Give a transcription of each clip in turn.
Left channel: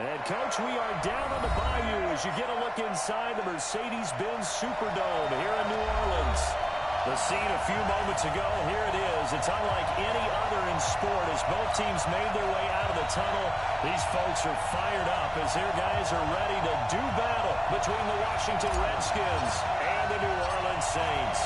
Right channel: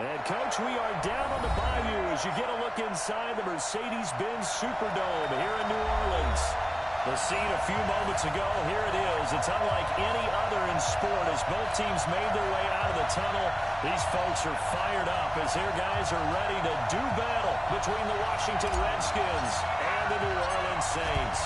And, Coach, we are down on the Bayou as you get a look inside the Mercedes-Benz Superdome here in New Orleans. The scene a few moments ago, here it is. It's unlike any other in sport as both teams made their way out of the tunnel. These folks are fired up as their guys are ready to do battle between the Washington Redskins and the New Orleans Saints.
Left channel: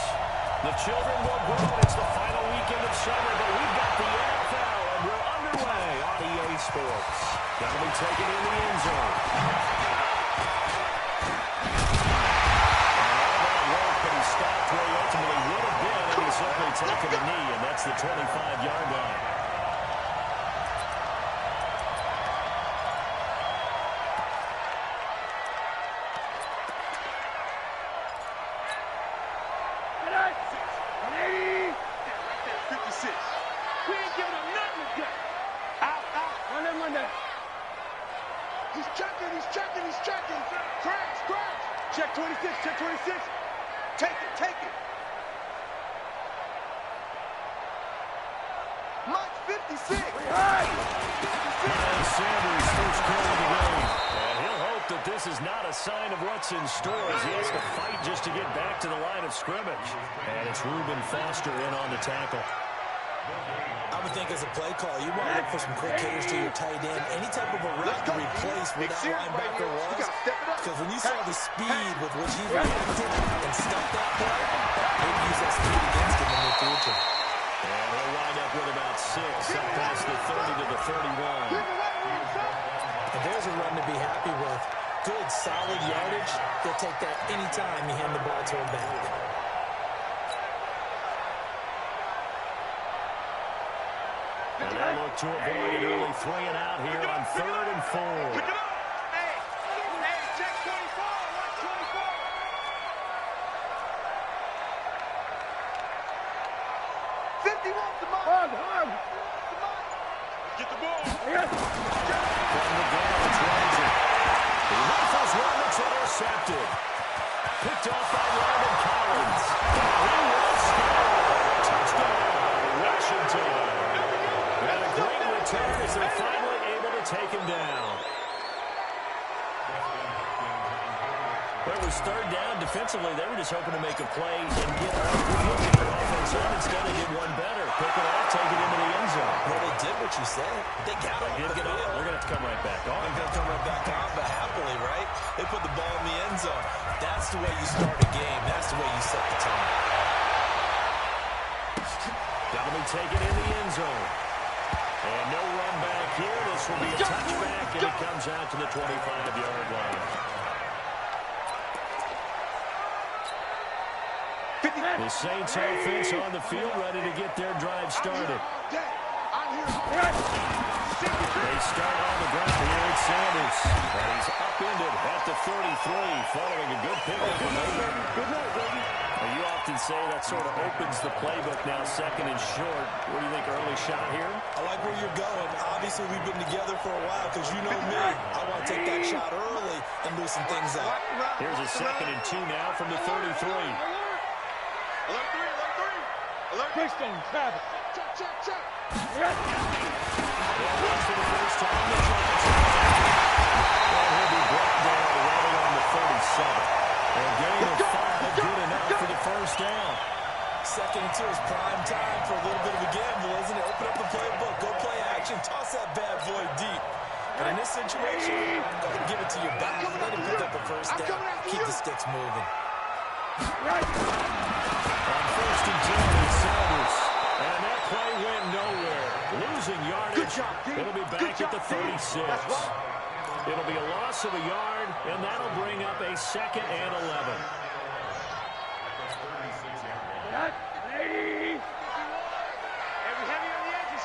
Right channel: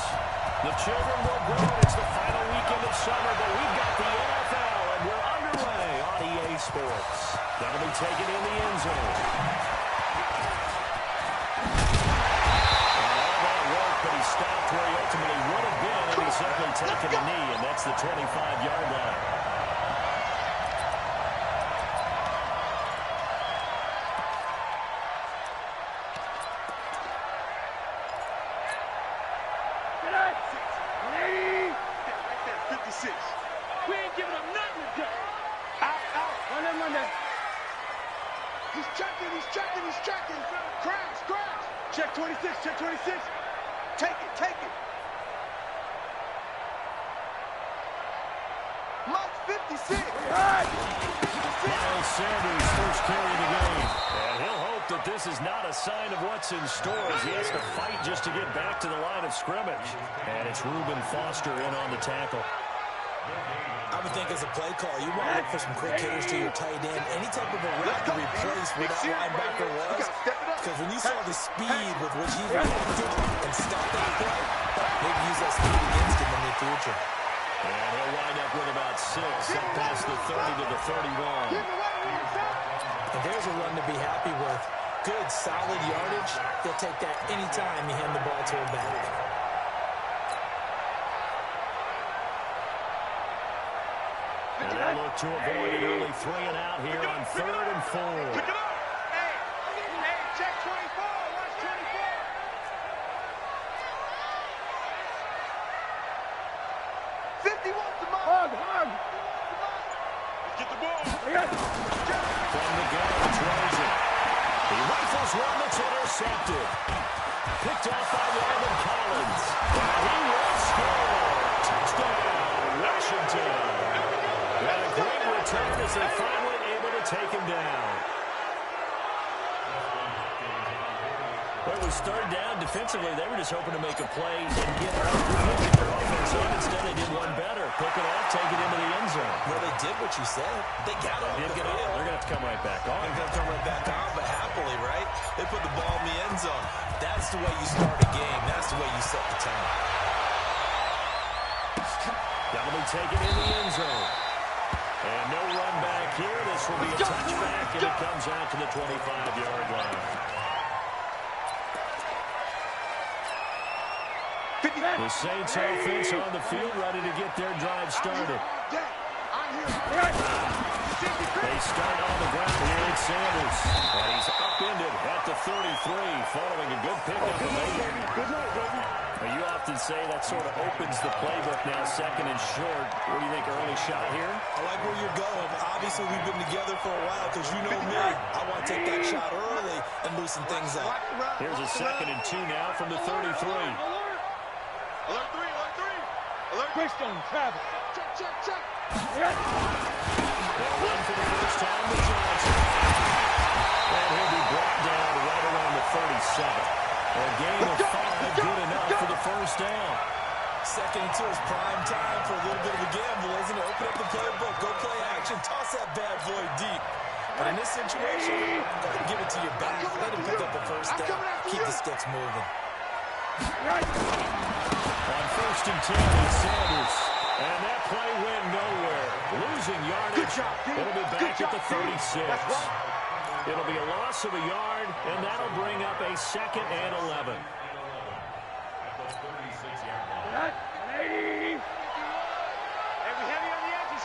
The children will grow. It's the final weekend of summer, but we've got the NFL, and we're underway on EA Sports. That'll be taken in the end zone. But he stopped where he ultimately would have been, and he's simply taken a knee, and that's the 25-yard line. Right there, 56. We ain't giving up nothing today. Out. Run that. He's checking. Crash. Check 26. Take it. Mike 56. Miles Sanders first carry of the game. And he'll hope that this is not a sign of what's in store as he has to fight just to get back to the line of scrimmage. And it's Reuben Foster in on the tackle. I would think as a play call, you want to look for some quick hitters to your tight end. Any type of a route to replace where that linebacker was. Because when you saw the speed with which he reacted and stopped that play, maybe use that speed against him in the future. And he'll wind up with about 6 up past the 30 to the 31. And there's a run to be happy with. Good, solid yardage. They'll take that anytime you hand the ball to him back. And they look to avoid an early 3 and out here on 3rd and 4. Pick it up. Hey, check 24. Watch 24. 51 to Mike. Hard. Get the ball. From the gun, it's Rosen. He rifles one that's intercepted. Picked off by Landon Collins. And he will score. Touchdown, Washington. And a great return as they're finally able to take him down. Well, it was 3rd down. Defensively, they were just hoping to make a play and get their offense on. Instead, they did one better. Pick it off, take it into the end zone. Well, they did what you said. They got off the field. They're going to have to come right back on. They're going to come right back on, but happily, right? They put the ball in the end zone. That's the way you start a game. That's the way you set the tone. That'll be taken in the end zone. And no run back here. This will be a touchback, and it comes out to the 25-yard line. The Saints offense on the field, ready to get their drive started. They start on the ground here at Sanders. And he's upended at the 33, following a good pickup. Good night, baby. You often say that sort of opens the playbook now, 2nd and short. What do you think, early shot here? I like where you're going. Obviously, we've been together for a while because you know me. I want to take that shot early and loosen things up. Here's a 2nd and 2 now from the 33. Alert 3. Alert. Greystone, Travis. Check. One for the first time to Johnson. And he'll be brought down right around the 37. A gain of 5, good enough for the first down. 2nd and 2 is prime time for a little bit of a gamble, isn't it? Open up the playbook, go play action, toss that bad boy deep. But in this situation, go ahead and give it to your back. Let him pick up a first down. Keep the sticks moving. On 1st and 10, it's Sanders. And that play went nowhere. Losing yardage. It'll be back at the 36. It'll be a loss of a yard, and that'll bring up a 2nd and 11. Hey, we heavy on the edges.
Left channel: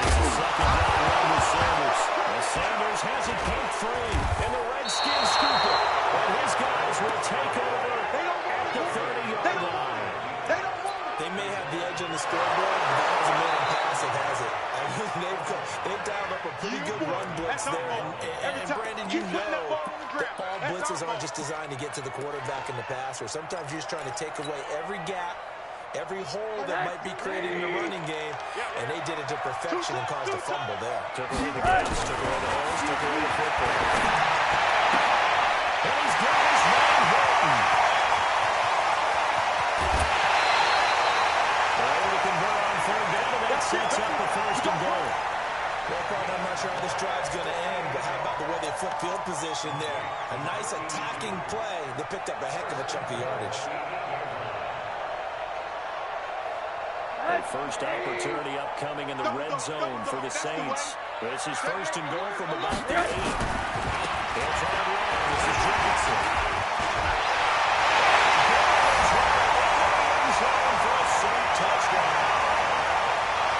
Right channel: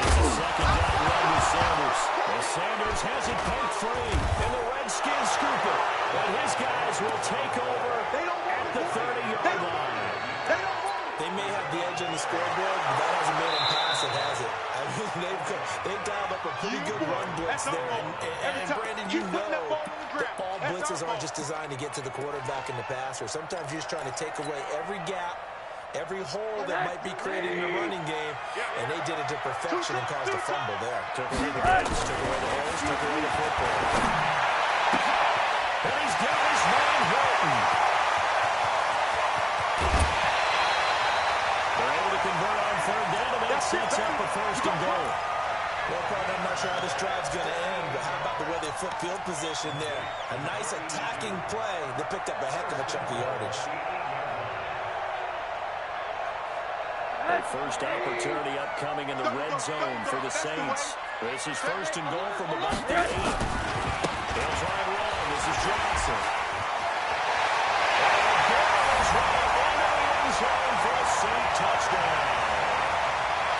It's a 2nd down run with Sanders. As Sanders has it poked free, and the Redskins scoop it. And his guys will take over at the 30-yard line. They may have the edge on the scoreboard, but that hasn't made them pass it, has it? I mean, they've dialed up a pretty good run blitz there. And Brandon, you know that all blitzes aren't just designed to get to the quarterback and the passer. Sometimes you're just trying to take away every gap every hole that might be created in the running game, and they did it to perfection and caused a fumble there. Took away the gaps, took away the holes, took away the football. And he's got his man Hilton. They're able to convert on third down, and that sets up a first and goal. Well, partner, I'm not sure how this drive's going to end, but how about the way they flip field position there? A nice attacking play that picked up a heck of a chunk of yardage. A first opportunity upcoming in the red zone for the Saints. This is first and goal from about the 8. They'll try and run. This is Johnson. And right into the end zone for a Saint touchdown.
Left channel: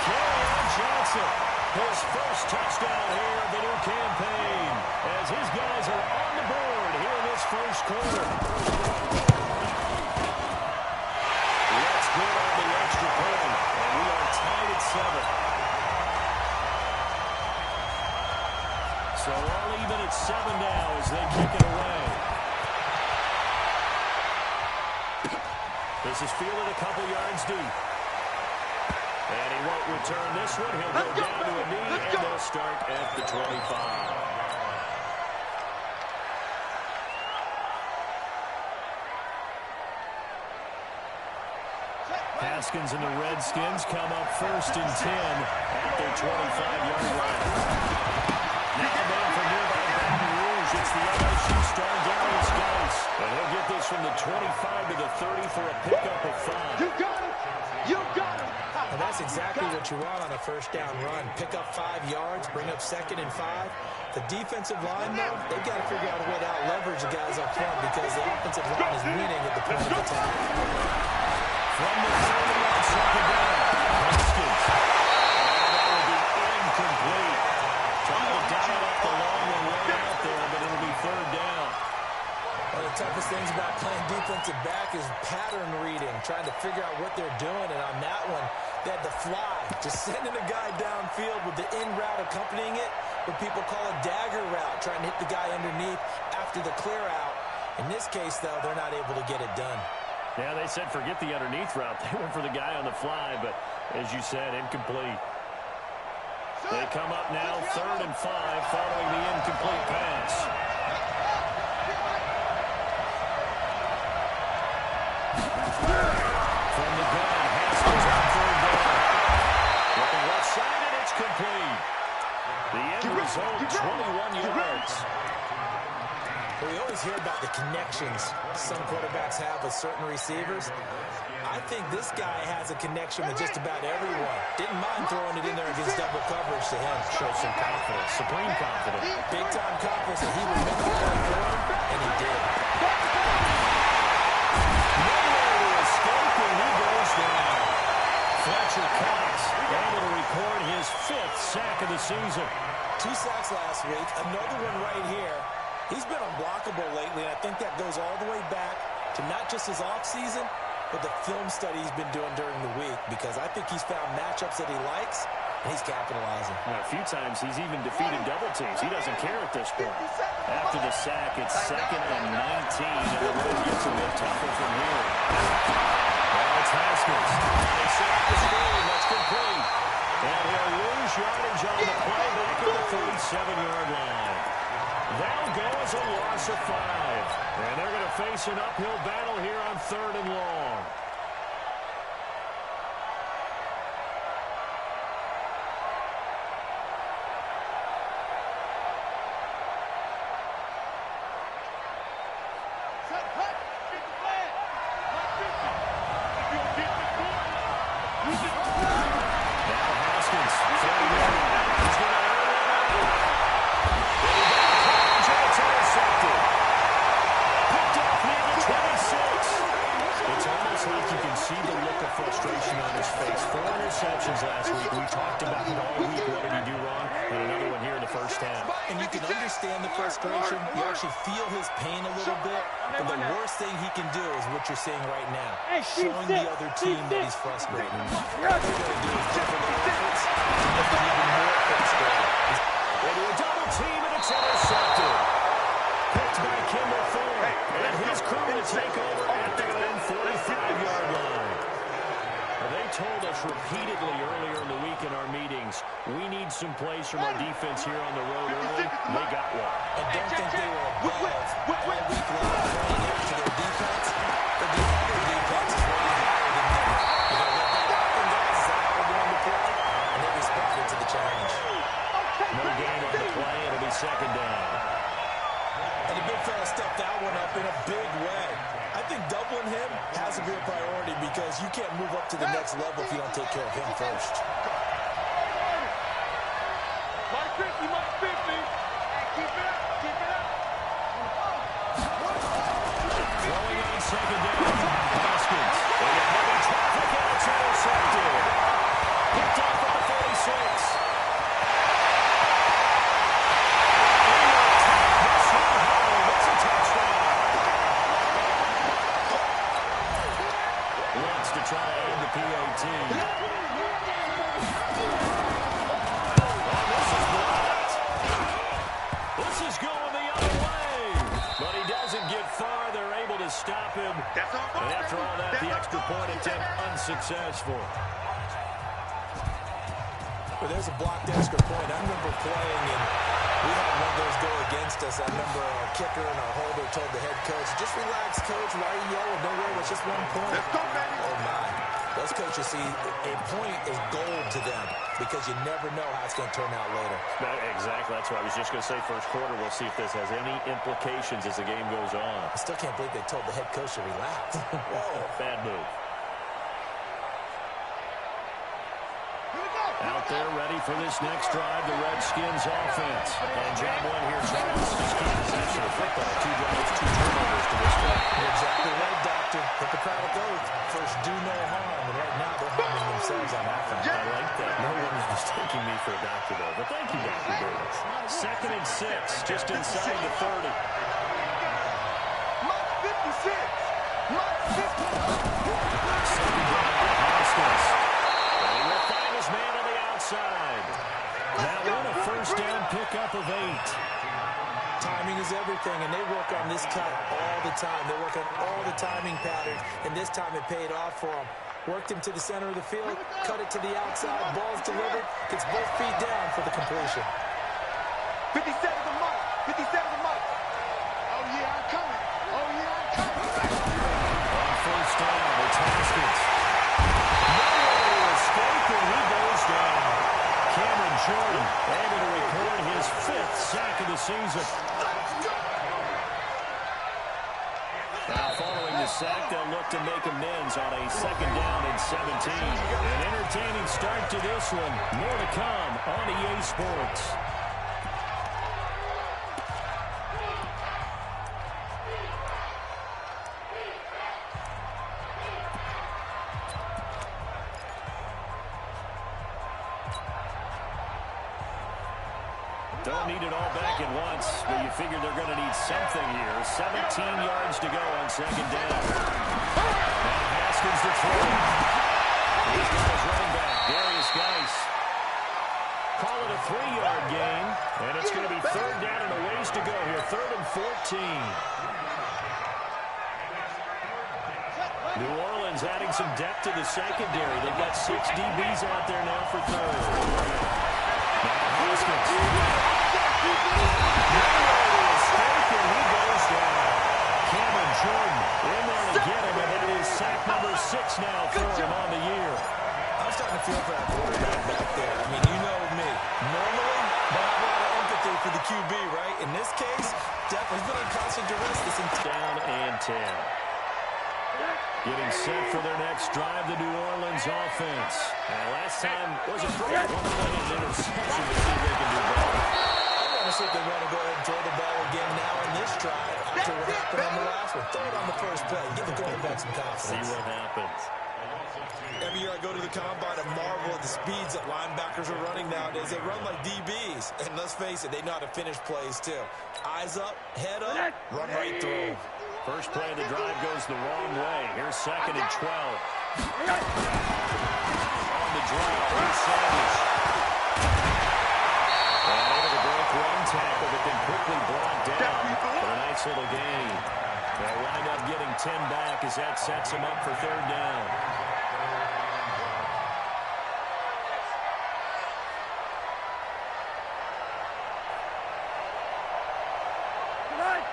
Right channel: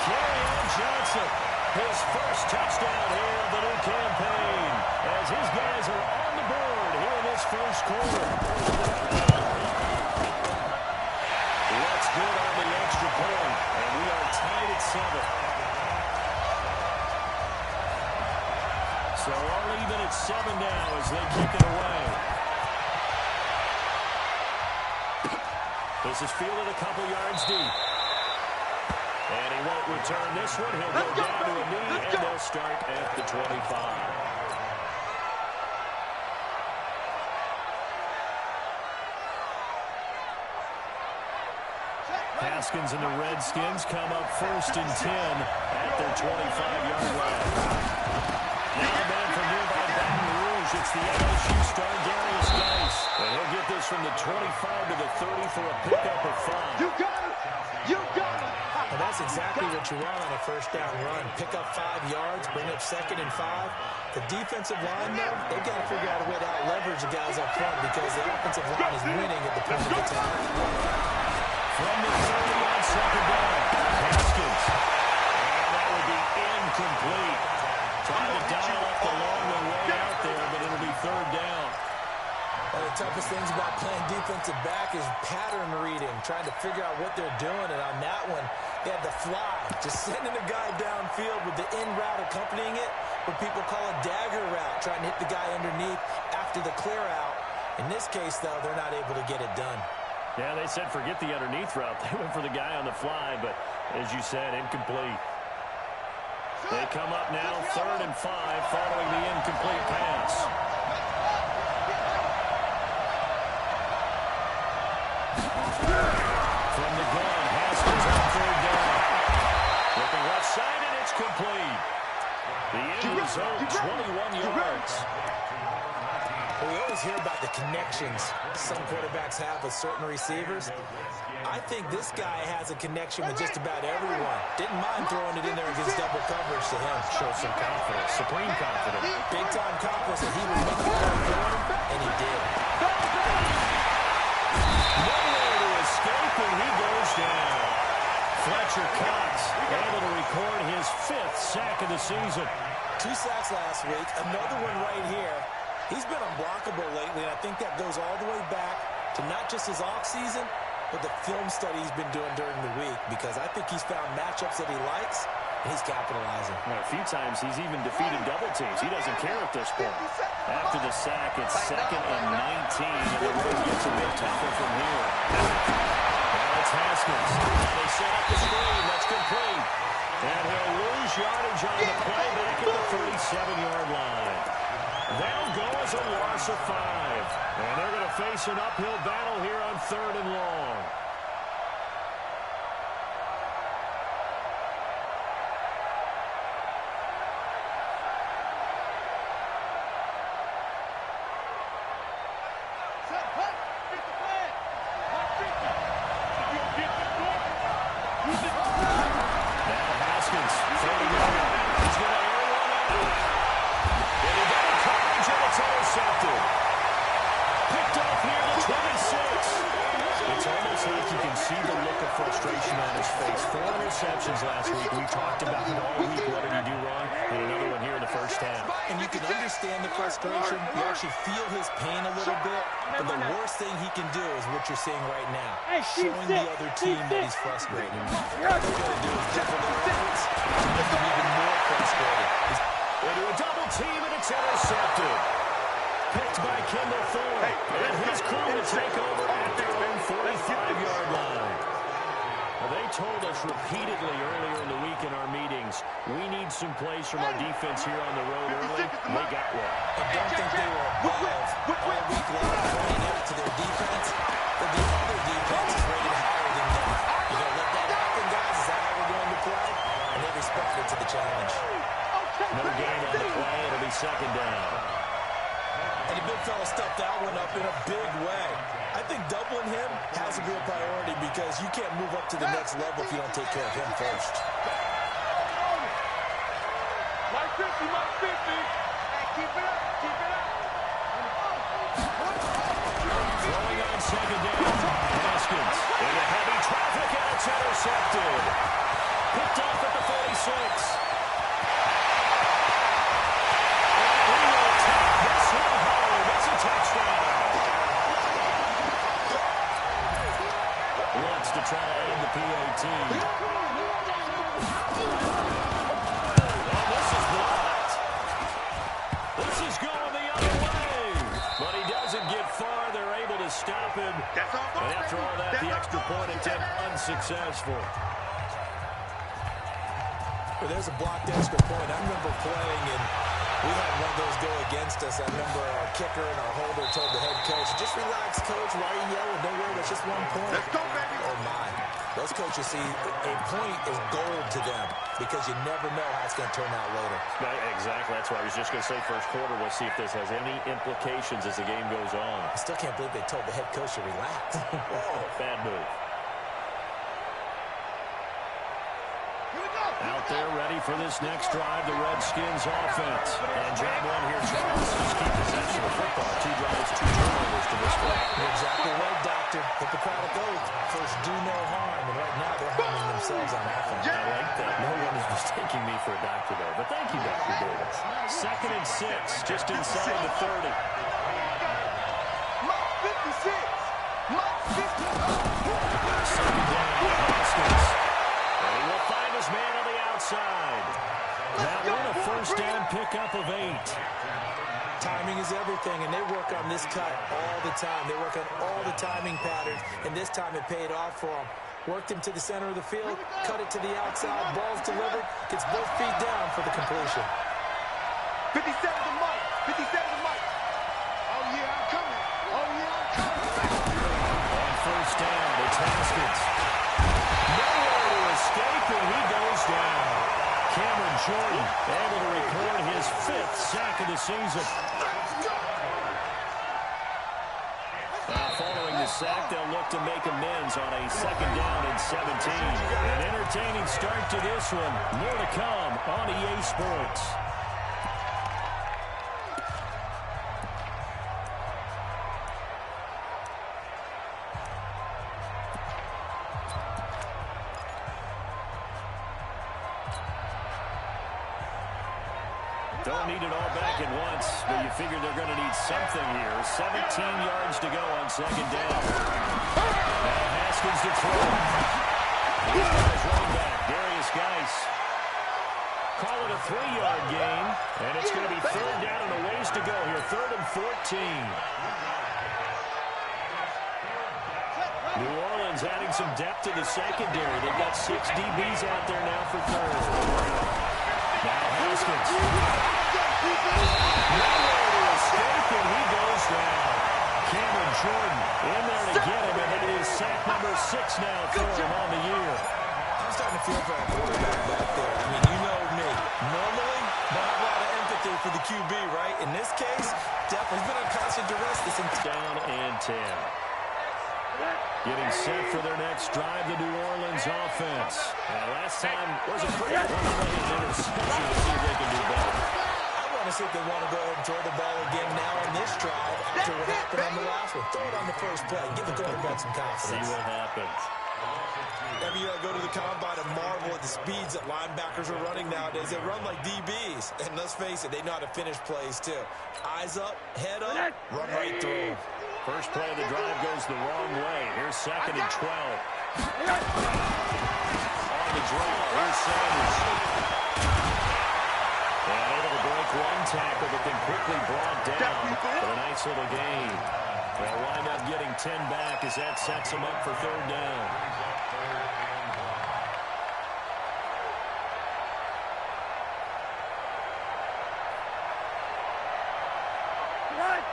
Kerryon Johnson, his first touchdown here of the new campaign, as his guys are on the board here in this first quarter. That's good on the extra point, and we are tied at 7. So all even at 7 now as they kick it away. This is fielded a couple yards deep. And he won't return this one. He'll go down to a knee, and they'll start at the 25. Haskins and the Redskins come up first and 10 at their 25-yard line. Now a man from nearby Baton Rouge. It's the LSU star Darius Geis. And he'll get this from the 25 to the 30 for a pickup of 5. You got it! You got it! Well, that's exactly what you want on a first down run. Pick up 5 yards, bring up 2nd and 5. The defensive line, though, they've got to figure out a way to out-leverage the guys up front because the offensive line is winning at the point of attack. From the 30 on second down, Haskins. And that will be incomplete. Trying to dial up the long one way out there, but it'll be third down. One of the toughest things about playing defensive back is pattern reading, trying to figure out what they're doing. And on that one, they had the fly, just sending a guy downfield with the in route accompanying it, what people call a dagger route, trying to hit the guy underneath after the clear out. In this case, though, they're not able to get it done. Yeah, they said forget the underneath route. They went for the guy on the fly, but as you said, incomplete. They come up now 3rd and 5 following the incomplete pass. From the gun, Haskins on 3rd down. Looking left side, and it's complete. The end result, 21 yards. We always hear about the connections some quarterbacks have with certain receivers. I think this guy has a connection with just about everyone. Didn't mind throwing it in there against double coverage to him. Shows some confidence, supreme confidence. Big-time confidence that he would make the play for him, and he did. Nowhere to escape, and he goes down. Fletcher Cox able to record his 5th sack of the season. 2 sacks last week, another one right here. He's been unblockable lately, and I think that goes all the way back to not just his offseason, but the film study he's been doing during the week, because I think he's found matchups that he likes, and he's capitalizing. A few times he's even defeated double teams. He doesn't care at this point. After the sack, it's 2nd and 19, and the road gets a bit tougher from here. Now it's Haskins. They set up the screen. That's complete. And he'll lose yardage on the play back at the 37-yard line. They'll go as a loss of 5. And they're going to face an uphill battle here on 3rd and long. Set, hut, get the flag. Not 50. If you don't get this one, use it. Now Haskins, 30-yard. He's going to air one out. And he got coverage, and it's intercepted. Picked off near the 26. It's almost like you can see the look of frustration on his face. 4 interceptions last week. We talked about it all week. What did he do wrong? And another one here in the first half. And you can understand the frustration. You actually feel his pain a little bit. But the worst thing he can do is what you're seeing right now. Showing the other team that he's frustrated. What they're going to do is double their efforts to make him even more frustrated. They do a double team, and it's intercepted. Picked by Kimball Thorne. And his crew to take over at their own 45-yard line. They told us repeatedly earlier in the week in our meetings, we need some plays from our defense here on the road early. They got one. And don't think they were above all week long pointing out to their defense, but the other defense is rated higher than them. You're going to let that happen, guys? Is that how we're going to play? And they responded to the challenge. No gain on the play. It'll be second down. And the big fella stuffed that one up in a big way. I think doubling him has to be a priority because you can't move up to the next level if you don't take care of him first. Mike 50, Mike 50. Hey, keep it up, keep it up. Throwing on second down. Haskins into heavy traffic, and it's intercepted. Picked off at the 46. To try to aid the PAT. Oh, this is blocked. This is going the other way. But he doesn't get far. They're able to stop him. And after all that, the extra point attempt unsuccessful. Well, there's a blocked extra point. I remember playing, and we had one of those go against us. I remember our kicker and our holder told the head coach, just relax, coach. Why are you yelling? Don't worry, it's just 1 point. Let's go, baby. Oh, my. Those coaches see a point is gold to them because you never know how it's going to turn out later. Exactly. That's what I was just going to say. First quarter, we'll see if this has any implications as the game goes on. I still can't believe they told the head coach to relax. Whoa. Bad move. Here we go. Out there ready for this next drive, the Redskins offense. And job one here, Charles, just keep possession of football. 2 drives, 2 turnovers to this point. You're exactly right, Doctor. Hippocratic oath. First, do no harm. And right now, they're harming themselves on offense. I like that. No one is mistaking me for a doctor, though. But thank you, Dr. Davis. 2nd and 6, just inside the 30. Mike 56. Mike 50. Second down, Haskins. And he will find his man on the outside. That one a first down pickup of 8. Timing is everything, and they work on this cut all the time. They work on all the timing patterns, and this time it paid off for them. Worked him to the center of the field, cut it to the outside, ball's delivered, gets both feet down for the completion. 57 to Mike. 57 to Mike. Oh, yeah, I'm coming. Oh, yeah, I'm coming. On first down, it's Haskins. Nowhere to escape, and he goes down. Cameron Jordan able to record his 5th sack of the season. Now, following the sack, they'll look to make amends on a 2nd down and 17. An entertaining start to this one. More to come on EA Sports. Don't need it all back at once, but you figure they're going to need something here. 17 yards to go on 2nd down. Now Haskins to throw. He's got his running back, Darius Geis. Call it a 3-yard gain, and it's going to be 3rd down and a ways to go here. 3rd and 14. New Orleans adding some depth to the secondary. They've got 6 DBs out there now for 3rd. Now Haskins. Nowhere to escape, and he goes down. Cameron Jordan in there to get him, and that is sack number 6 now for him on the year. I'm starting to feel for that quarterback back there. I mean, you know me. Normally, I have a lot of empathy for the QB, right? In this case, definitely been on constant duress this entire down and 10. Getting set for their next drive, the New Orleans offense. And last time was a great one-play interception. We'll see if they can do better. I want to see if they want to go ahead and throw the ball again now in this drive after what happened on the last one. Throw it on the first play. Give the quarterback some confidence. See what happens. Every year I go to the combine and marvel at the speeds that linebackers are running nowadays. They run like DBs. And let's face it, they know how to finish plays too. Eyes up, head up, run right through. First play of the drive goes the wrong way. Here's 2nd and 12. On the draw, here's Sanders. And able to break one tackle, but then quickly brought down for a nice little gain. They'll wind up getting 10 back as that sets them up for 3rd down. Let's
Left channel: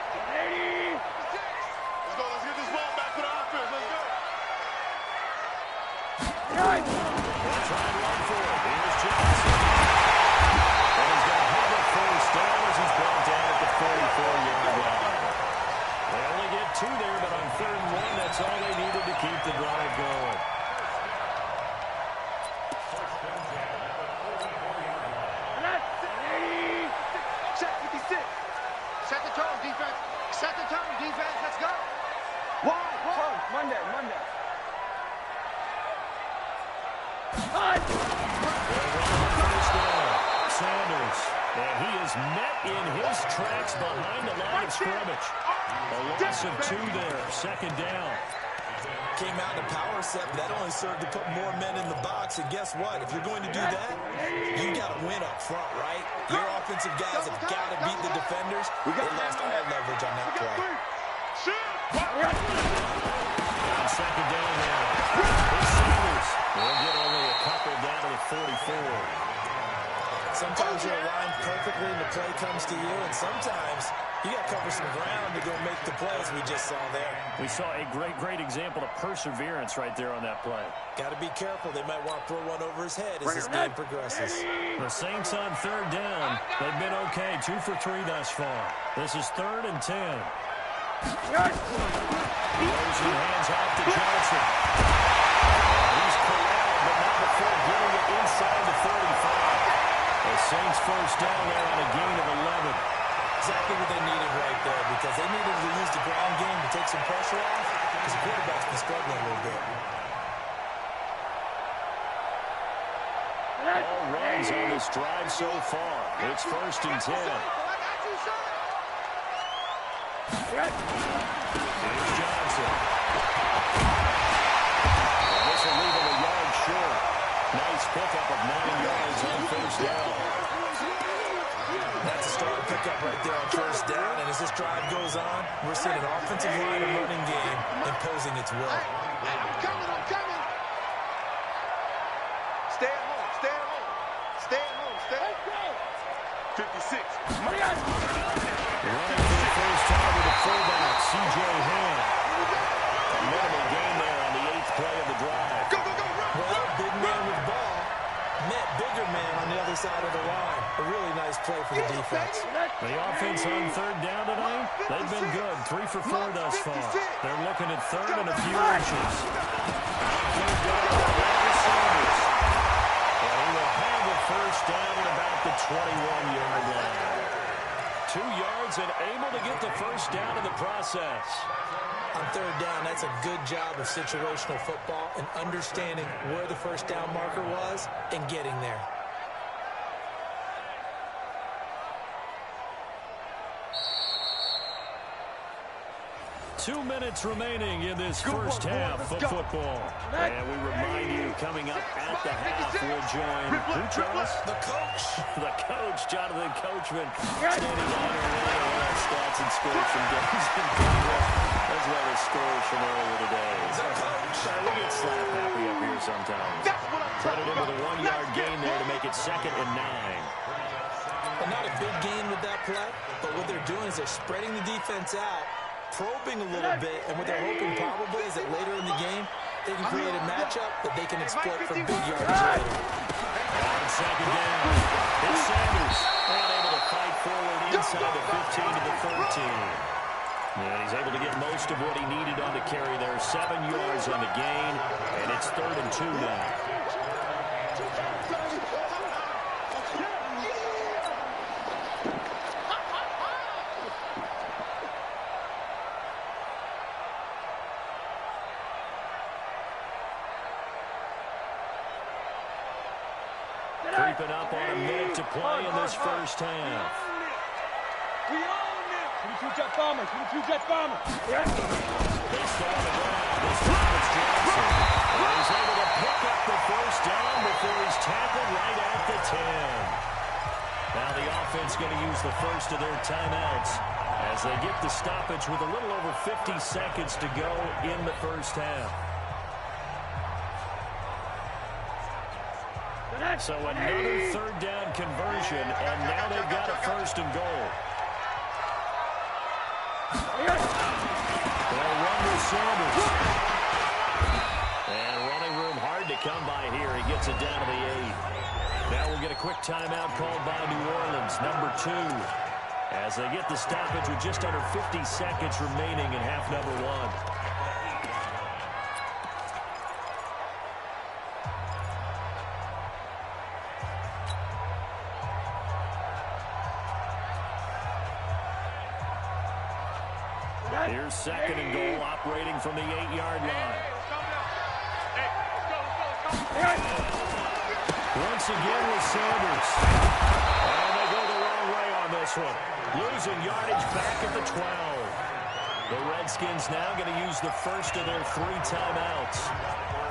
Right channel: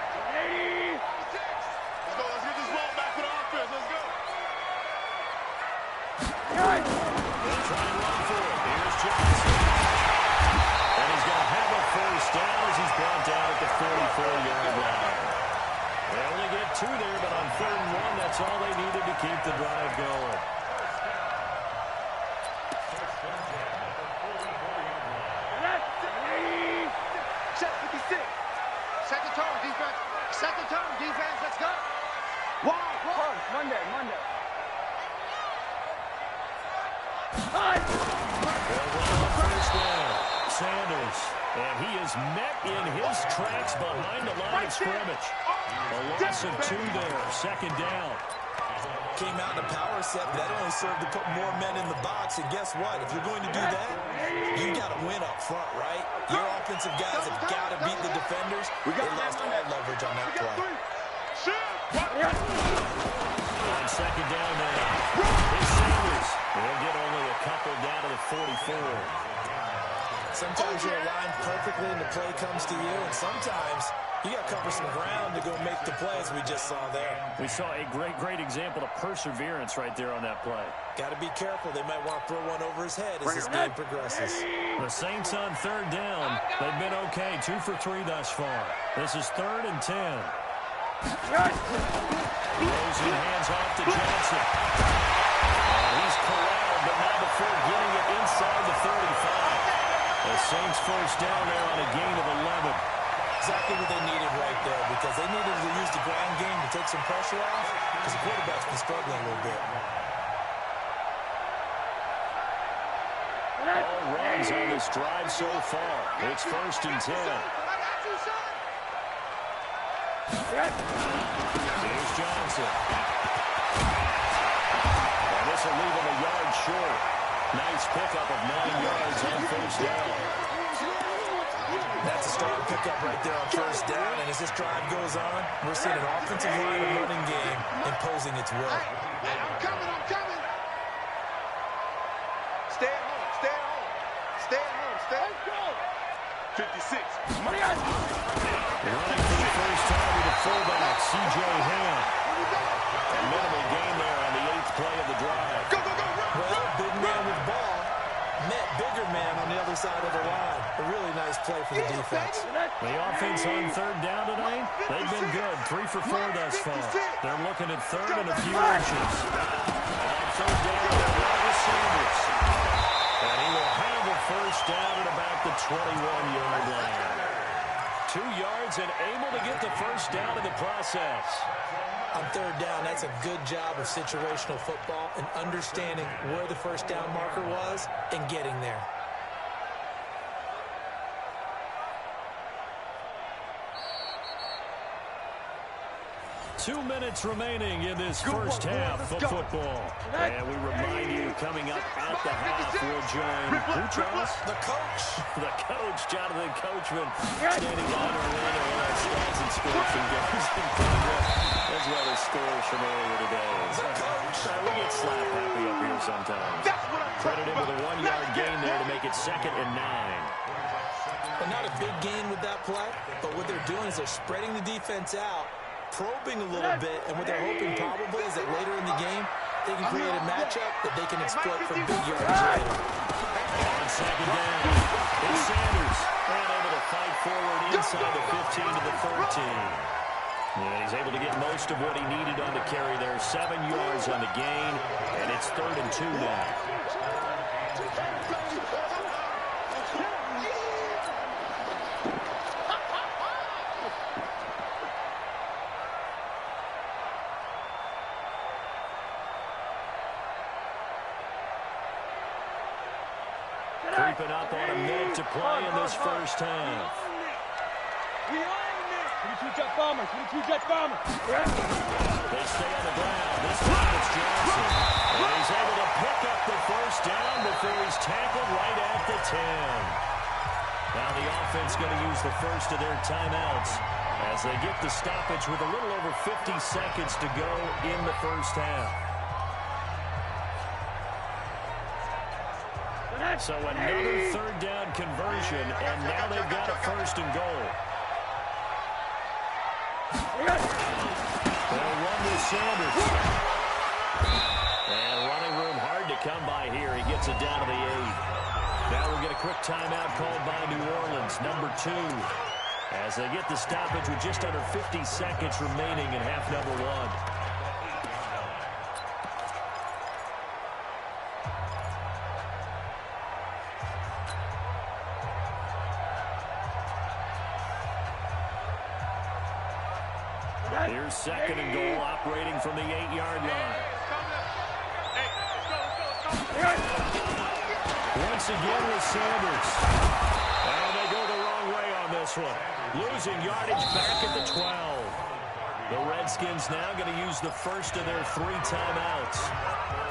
get this ball back for the offense. Let's go. They'll try and run for it. Here's Johnson. And he's going to have a first down as he's brought down at the 44-yard line. They only get 2 there, but on 3rd and 1, that's all they needed to keep the drive going. Set 56. Set the tone, defense. Set the tone, defense. Let's go. Wide. Monday. First down. Sanders. And he is met in his tracks behind the line of scrimmage. A loss of 2 there. 2nd down. Came out in a power set, but that only served to put more men in the box. And guess what? If you're going to do that, you got to win up front, right? Your offensive guys have got to beat the defenders. They lost all leverage on that play. On 2nd down now. It's Sanders. We'll get only a couple down to the 44. Sometimes you're aligned perfectly and the play comes to you, and sometimes you got to cover some ground to go make the play, as we just saw there. We saw a great example of perseverance right there on that play. Got to be careful. They might want to throw one over his head as this game progresses. The Saints on 3rd down. They've been okay. 2 for 3 thus far. This is 3rd and 10. Throws and hands off to Johnson. He's corralled, but not before getting it inside the 35. The Saints first down there on a gain of 11. Exactly what they needed right there, because they needed to use the ground game to take some pressure off, because the quarterback's been struggling a little bit. All runs on this drive so far. It's 1st and 10. Here's Johnson. And this will leave him a yard short. Nice pickup of 9 yards on 1st down. That's a strong pickup right there on 1st down, and as this drive goes on, we're seeing an offensive line and running game imposing its will. Hey, I'm coming. Stay at home. Let's go. 56. Running for the first time with the fullback, C.J. Ham. A minimal gain there on the 8th play of the drive. Go. Well, big man with ball met bigger man on the other side of the line. A really nice play for the defense. The offense on 3rd down tonight, they've been good. 3 for 4 thus far. They're looking at 3rd and a few inches. On 3rd down, Sanders. And he will have a first down at about the 21-yard line. 2 yards and able to get the first down in the process. On 3rd down, that's a good job of situational football and understanding where the first down marker was and getting there. Two minutes remaining in this first half of football. And we remind you, coming up at the half, we'll join who, Charles? The coach. The coach, Jonathan Coachman, standing on Orlando on stats and scores from games in progress, as well as scores from earlier today. The coach. We get slap happy up here sometimes. Credit him with a 1-yard gain there to make it 2nd and 9. Well, not a big gain with that play, but what they're doing is they're spreading the defense out, probing a little bit, and what they're hoping probably is that later in the game, they can create a matchup that they can exploit for big yards later. On 2nd down, it's Sanders, and able to fight forward inside the 15 to the 13. And he's able to get most of what he needed on the carry there. 7 yards on the gain, and it's 3rd and 2 now. Creeping up on a minute to play in this first half. We own it. 22 jet bomber. They stay on the ground. This time it's Johnson. And he's able to pick up the first down before he's tackled right at the 10. Now the offense going to use the first of their timeouts as they get the stoppage with a little over 50 seconds to go in the first half. So another 3rd down conversion, and now they've got a 1st and goal. They'll run with Sanders. And running room hard to come by here. He gets it down to the 8. Now we'll get a quick timeout called by New Orleans, number 2. As they get the stoppage with just under 50 seconds remaining in half number 1. Here's second and goal, operating from the 8-yard line. Once again with Sanders. And they go the wrong way on this one. Losing yardage back at the 12. The Redskins now going to use the first of their 3 timeouts,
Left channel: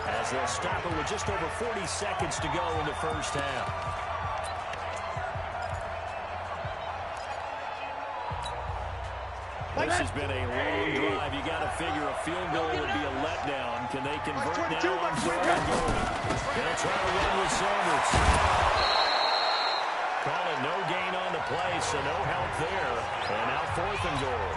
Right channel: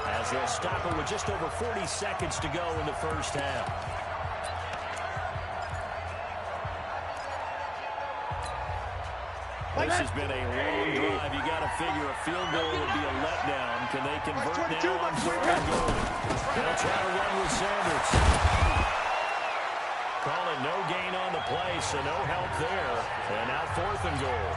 as they'll stop it with just over 40 seconds to go in the first half. This has been a long drive. You got to figure a field goal would be a letdown. Can they convert now on 4th and goal? They'll try to run with Sanders. Call it no gain on the play, so no help there. And now 4th and goal.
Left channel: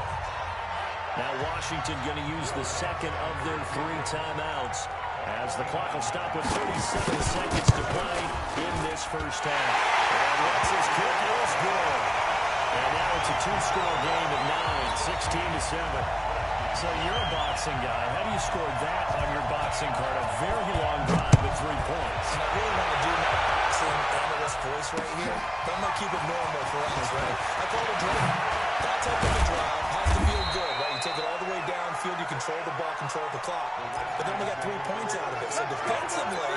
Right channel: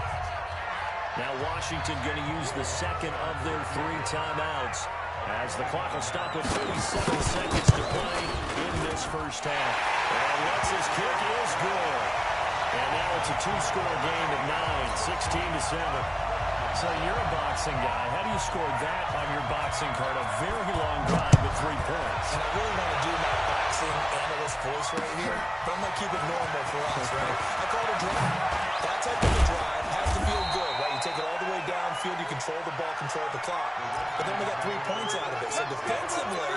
Now Washington going to use the second of their 3 timeouts, as the clock will stop with 37 seconds to play in this first half. And Lutz's kick is good. And now it's a 2-score game at 9, 16-7. So you're a boxing guy. How do you score that on your boxing card? A very long drive with 3 points. And I really want to do my boxing analyst voice right here, but I'm going to keep it normal for us, right? I call it a drive. That type of a drive has to feel good, right? You take it all the way downfield, you control the ball, control the clock. But then we got 3 points out of it. So defensively,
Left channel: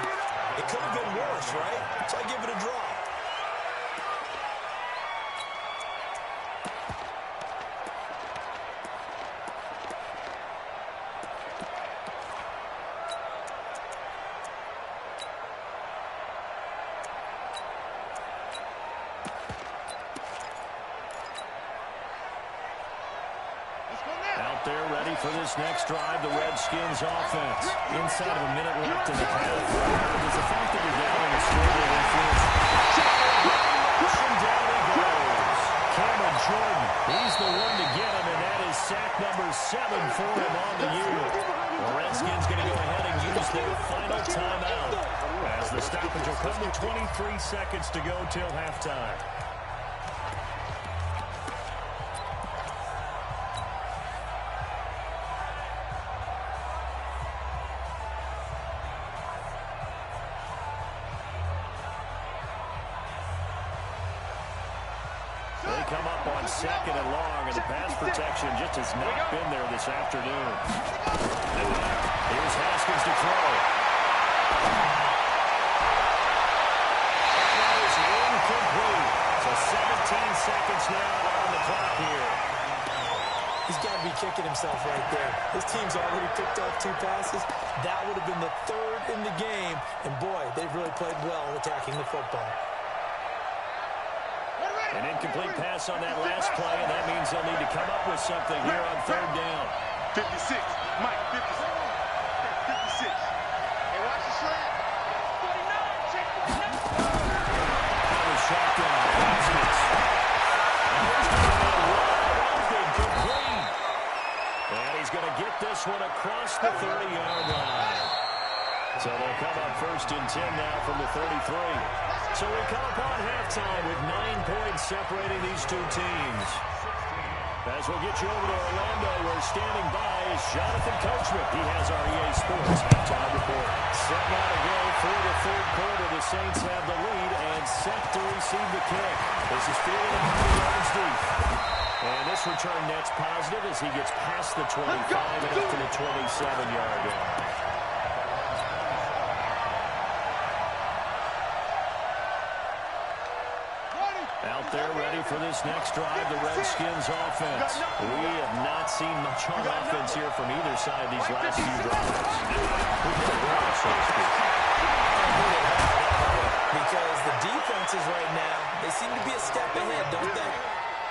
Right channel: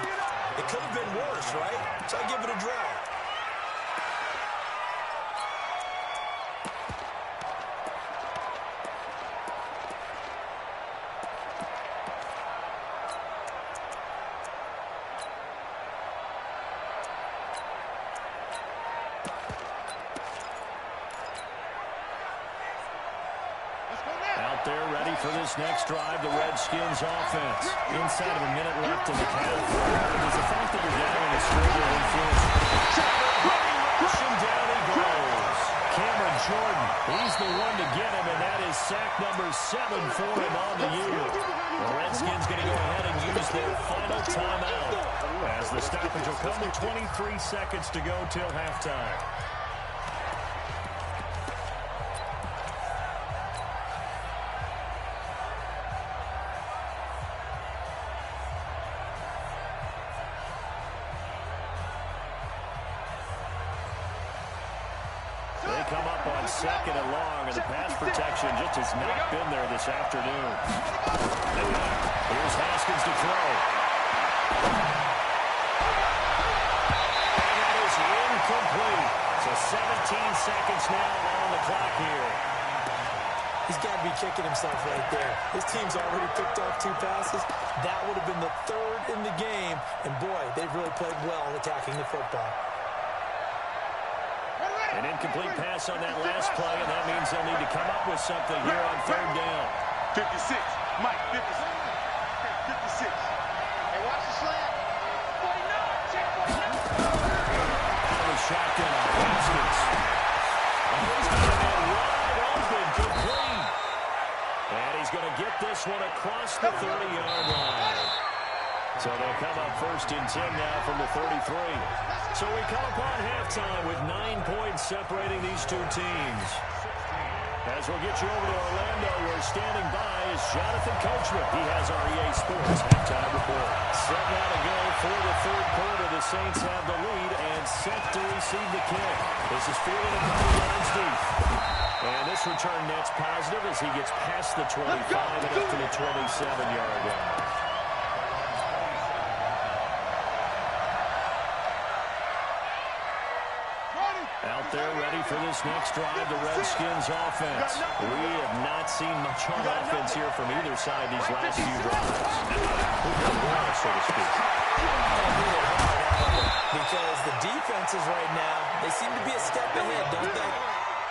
it could have been worse, right? So I give it a draw. Out there ready for this next drive, the Redskins offense. Inside of a minute left in the half. Does the fact that you're down in a score will influence? Pushing down he goes. Cameron Jordan, he's the one to get him, and that is sack number 7 for him on the year. The Redskins going to go ahead and use their final timeout, as the stoppage will come with 23 seconds to go till halftime. They come up on 2nd and long, and the pass protection just has not been there this afternoon. Here's Haskins to throw. And that is incomplete. So 17 seconds now on the clock here. He's got to be kicking himself right there. His team's already picked off 2 passes. That would have been the 3rd in the game. And, boy, they've really played well attacking the football. An incomplete pass on that last play, and that means they'll need to come up with something here on 3rd down. 56. Mike, 56. 56. Hey, watch the slant. 49. Check 49. Out of the shotgun. Haskins. And he's going to be wide open, complete. And he's going to get this one across the 30-yard line. So they'll come up 1st and 10 now from the 33. So we come upon halftime with 9 points separating these 2 teams. As we'll get you over to Orlando, where standing by is Jonathan Coachman. He has our EA Sports halftime report. Set now to go for the 3rd quarter. The Saints have the lead and set to receive the kick. This is fielded a couple yards deep. And this return net's positive as he gets past the 25 and up to the 27-yard line. Out there ready for this next drive, the Redskins offense. We have not seen much on offense here from either side these last few drives. So to speak. Because the defenses right now, they seem to be a step ahead, don't they?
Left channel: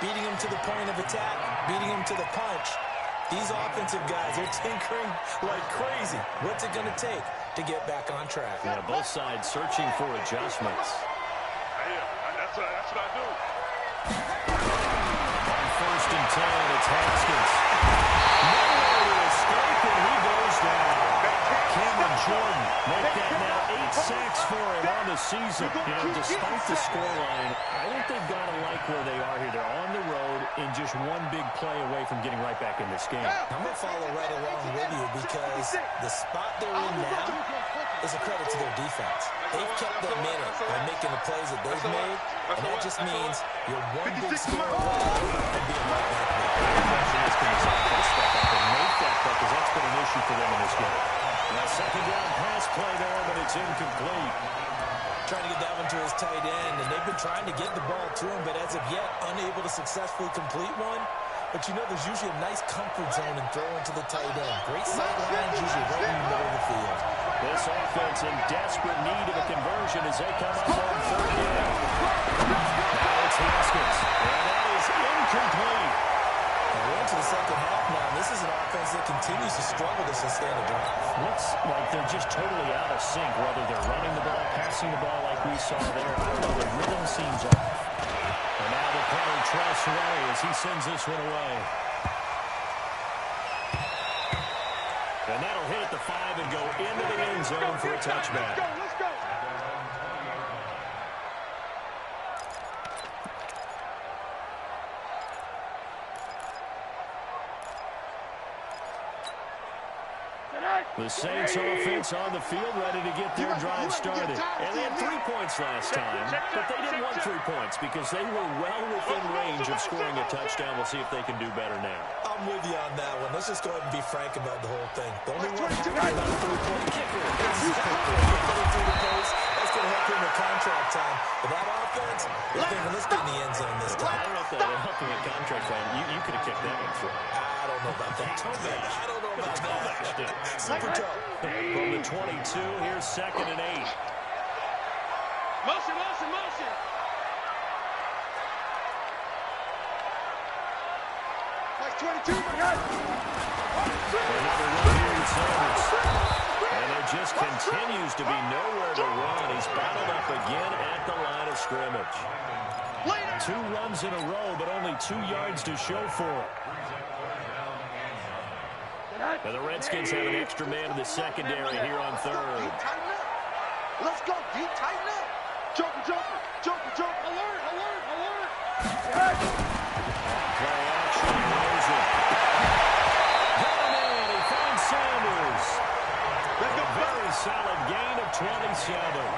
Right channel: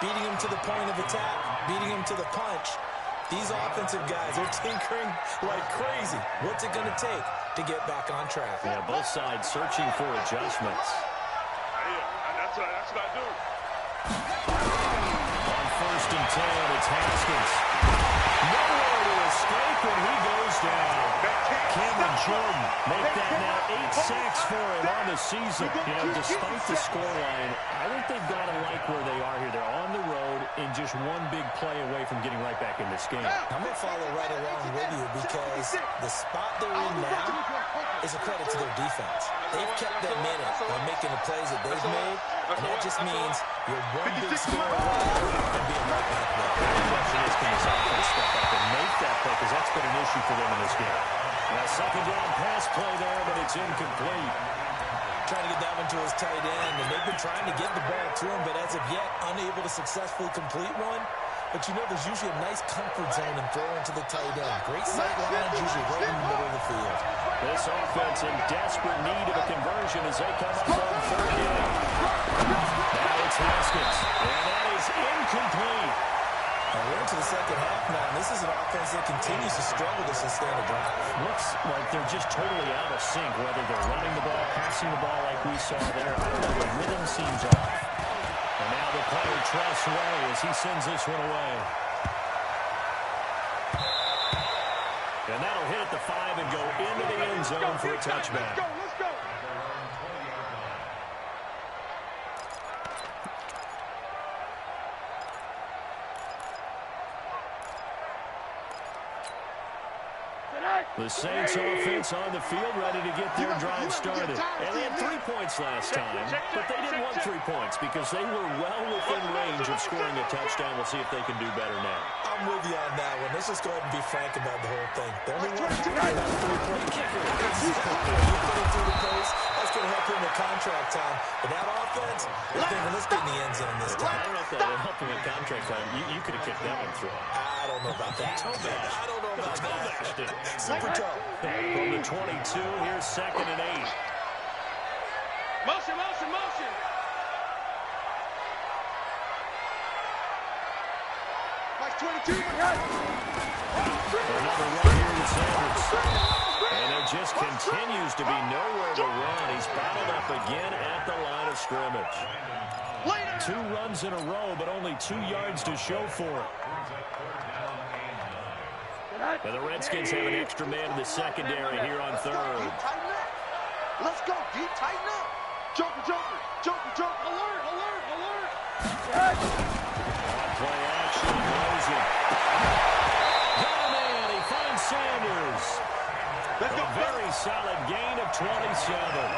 Beating them to the point of attack, beating them to the punch. These offensive guys are tinkering like crazy. What's it going to take to get back on track? Yeah, both sides searching for adjustments. That's what I do. On 1st 1st and 10. It's Haskins. Nowhere to escape, and he goes down. Cameron Jordan make that now 8 sacks for him on the season. You know, despite the scoreline, I think they've got to like where they are here. They're on the road and just one big play away from getting right back in this game. I'm going to follow right along with you because the spot they're in now is a credit to their defense. They've kept them in it by making the plays that they've made, and that just means you're one big score away from being right back there. The question is, can this offense step up and make that play, because that's been an issue for them in this game. A 2nd down pass play there, but it's incomplete. Trying to get that one to his tight end, and they've been trying to get the ball to him, but as of yet, unable to successfully complete one. But you know there's usually a nice comfort zone in throwing to the tight end. Great sight lines, usually right in the middle of the field. This offense in desperate need of a conversion as they come up on 3rd down. Now it's Haskins, and that is incomplete. And we're into the 2nd half now, and this is an offense that continues to struggle to sustain a drive. Looks like they're just totally out of sync, whether they're running the ball, passing the ball like we saw there. I don't know, the rhythm seems off. And now the punter trusts away as he sends this one away. And that'll hit at the 5 and go into the end zone for a touchback. Let's go. The Saints offense on the field, ready to get their drive started. And they had 3 points last time, but they didn't want 3 points because they were well within range of scoring a touchdown. We'll see if they can do better now. I'm with you on that one. Let's just go ahead and be frank about the whole thing. The only one happy about a 3-point kicker is getting through the post. That's going to help him with contract time. But that offense, they're thinking, let's get in the end zone this time. I don't know if that would help him with contract time. You could have kicked that one through. I don't know about that. I don't know about that. Super toe. From the 22, here's 2nd and 8. Motion. Like 22, Another run here to Sanders. And there just continues to be nowhere to run. He's bottled up again at the line of scrimmage. 2 runs in a row, but only 2 yards to show for it. And the Redskins have an extra man in the secondary here on 3rd. Let's go, D. Tighten up. Joker. Alert. On play action, Rosen. Got a man, he finds Sanders. A very solid gain of 27.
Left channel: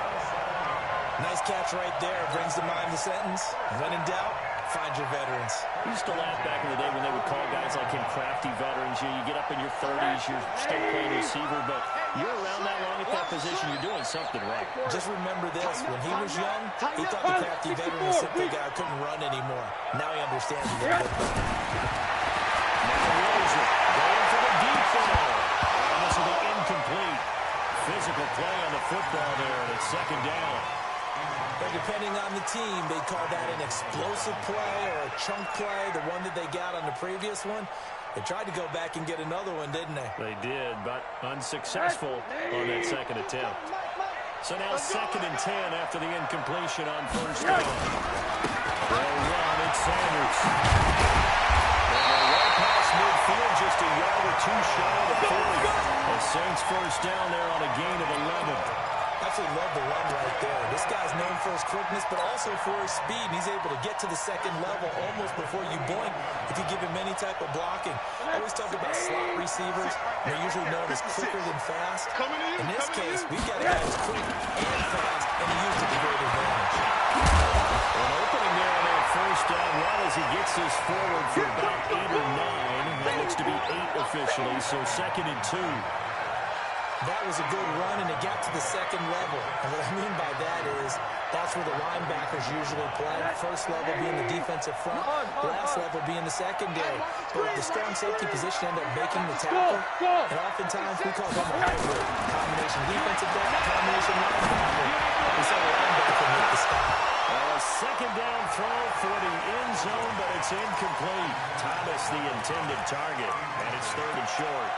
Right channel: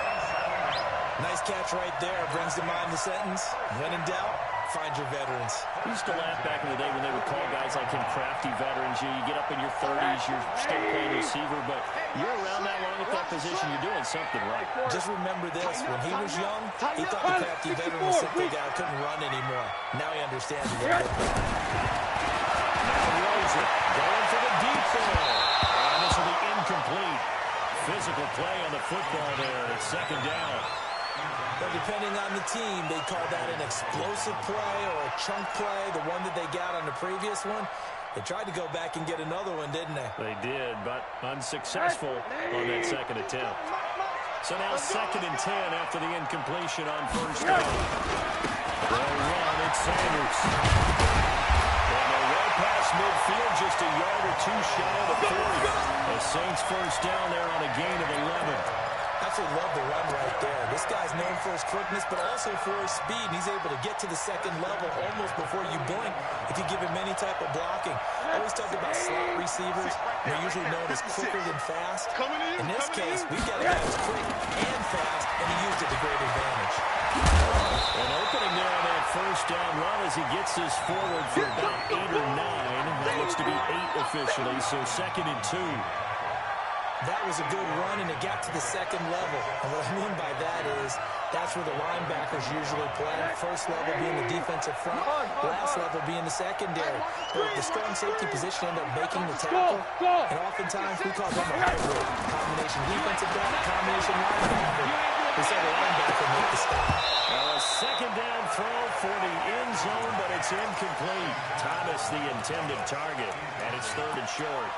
Nice catch right there. Brings to mind the sentence. When in doubt, find your veterans. I used to laugh back in the day when they would call guys like him crafty veterans. You get up in your 30s, you're still playing receiver, but you're around that long at that position, you're doing something right. Just remember this. When he was young, he thought the crafty veteran was simply a guy who couldn't run anymore. Now he understands a little bit better. Now Rosen going for the deep ball. And this will be incomplete. Physical play on the football there, and it's 2nd down. But depending on the team, they call that an explosive play or a chunk play, the one that they got on the previous one. They tried to go back and get another one, didn't they? They did, but unsuccessful on that 2nd attempt. So now 2nd and 10 after the incompletion on 1st down. They'll run, it's Sanders. And they're way past midfield, just a yard or 2 shy of the 40. The Saints 1st down there on a gain of 11. Absolutely love the run right there. This guy's known for his quickness, but also for his speed. And he's able to get to the 2nd level almost before you blink if you give him any type of blocking. I always talk about slot receivers. They're usually known as quicker than fast. In this case, we've got a guy who's quick and fast, and he used it to great advantage. An opening there on that 1st down run as he gets this forward for about 8 or 9. That looks to be 8 officially, so 2nd and 2. That was a good run, and it got to the 2nd level. And what I mean by that is that's where the linebackers usually play. First level being the defensive front, last level being the secondary. But the strong safety position end up making the tackle, and oftentimes we call them a hybrid. Combination defensive back, combination linebacker. We saw the linebacker make the stop. Well, a 2nd down throw for the end zone, but it's incomplete. Thomas the intended target, and it's 3rd and short.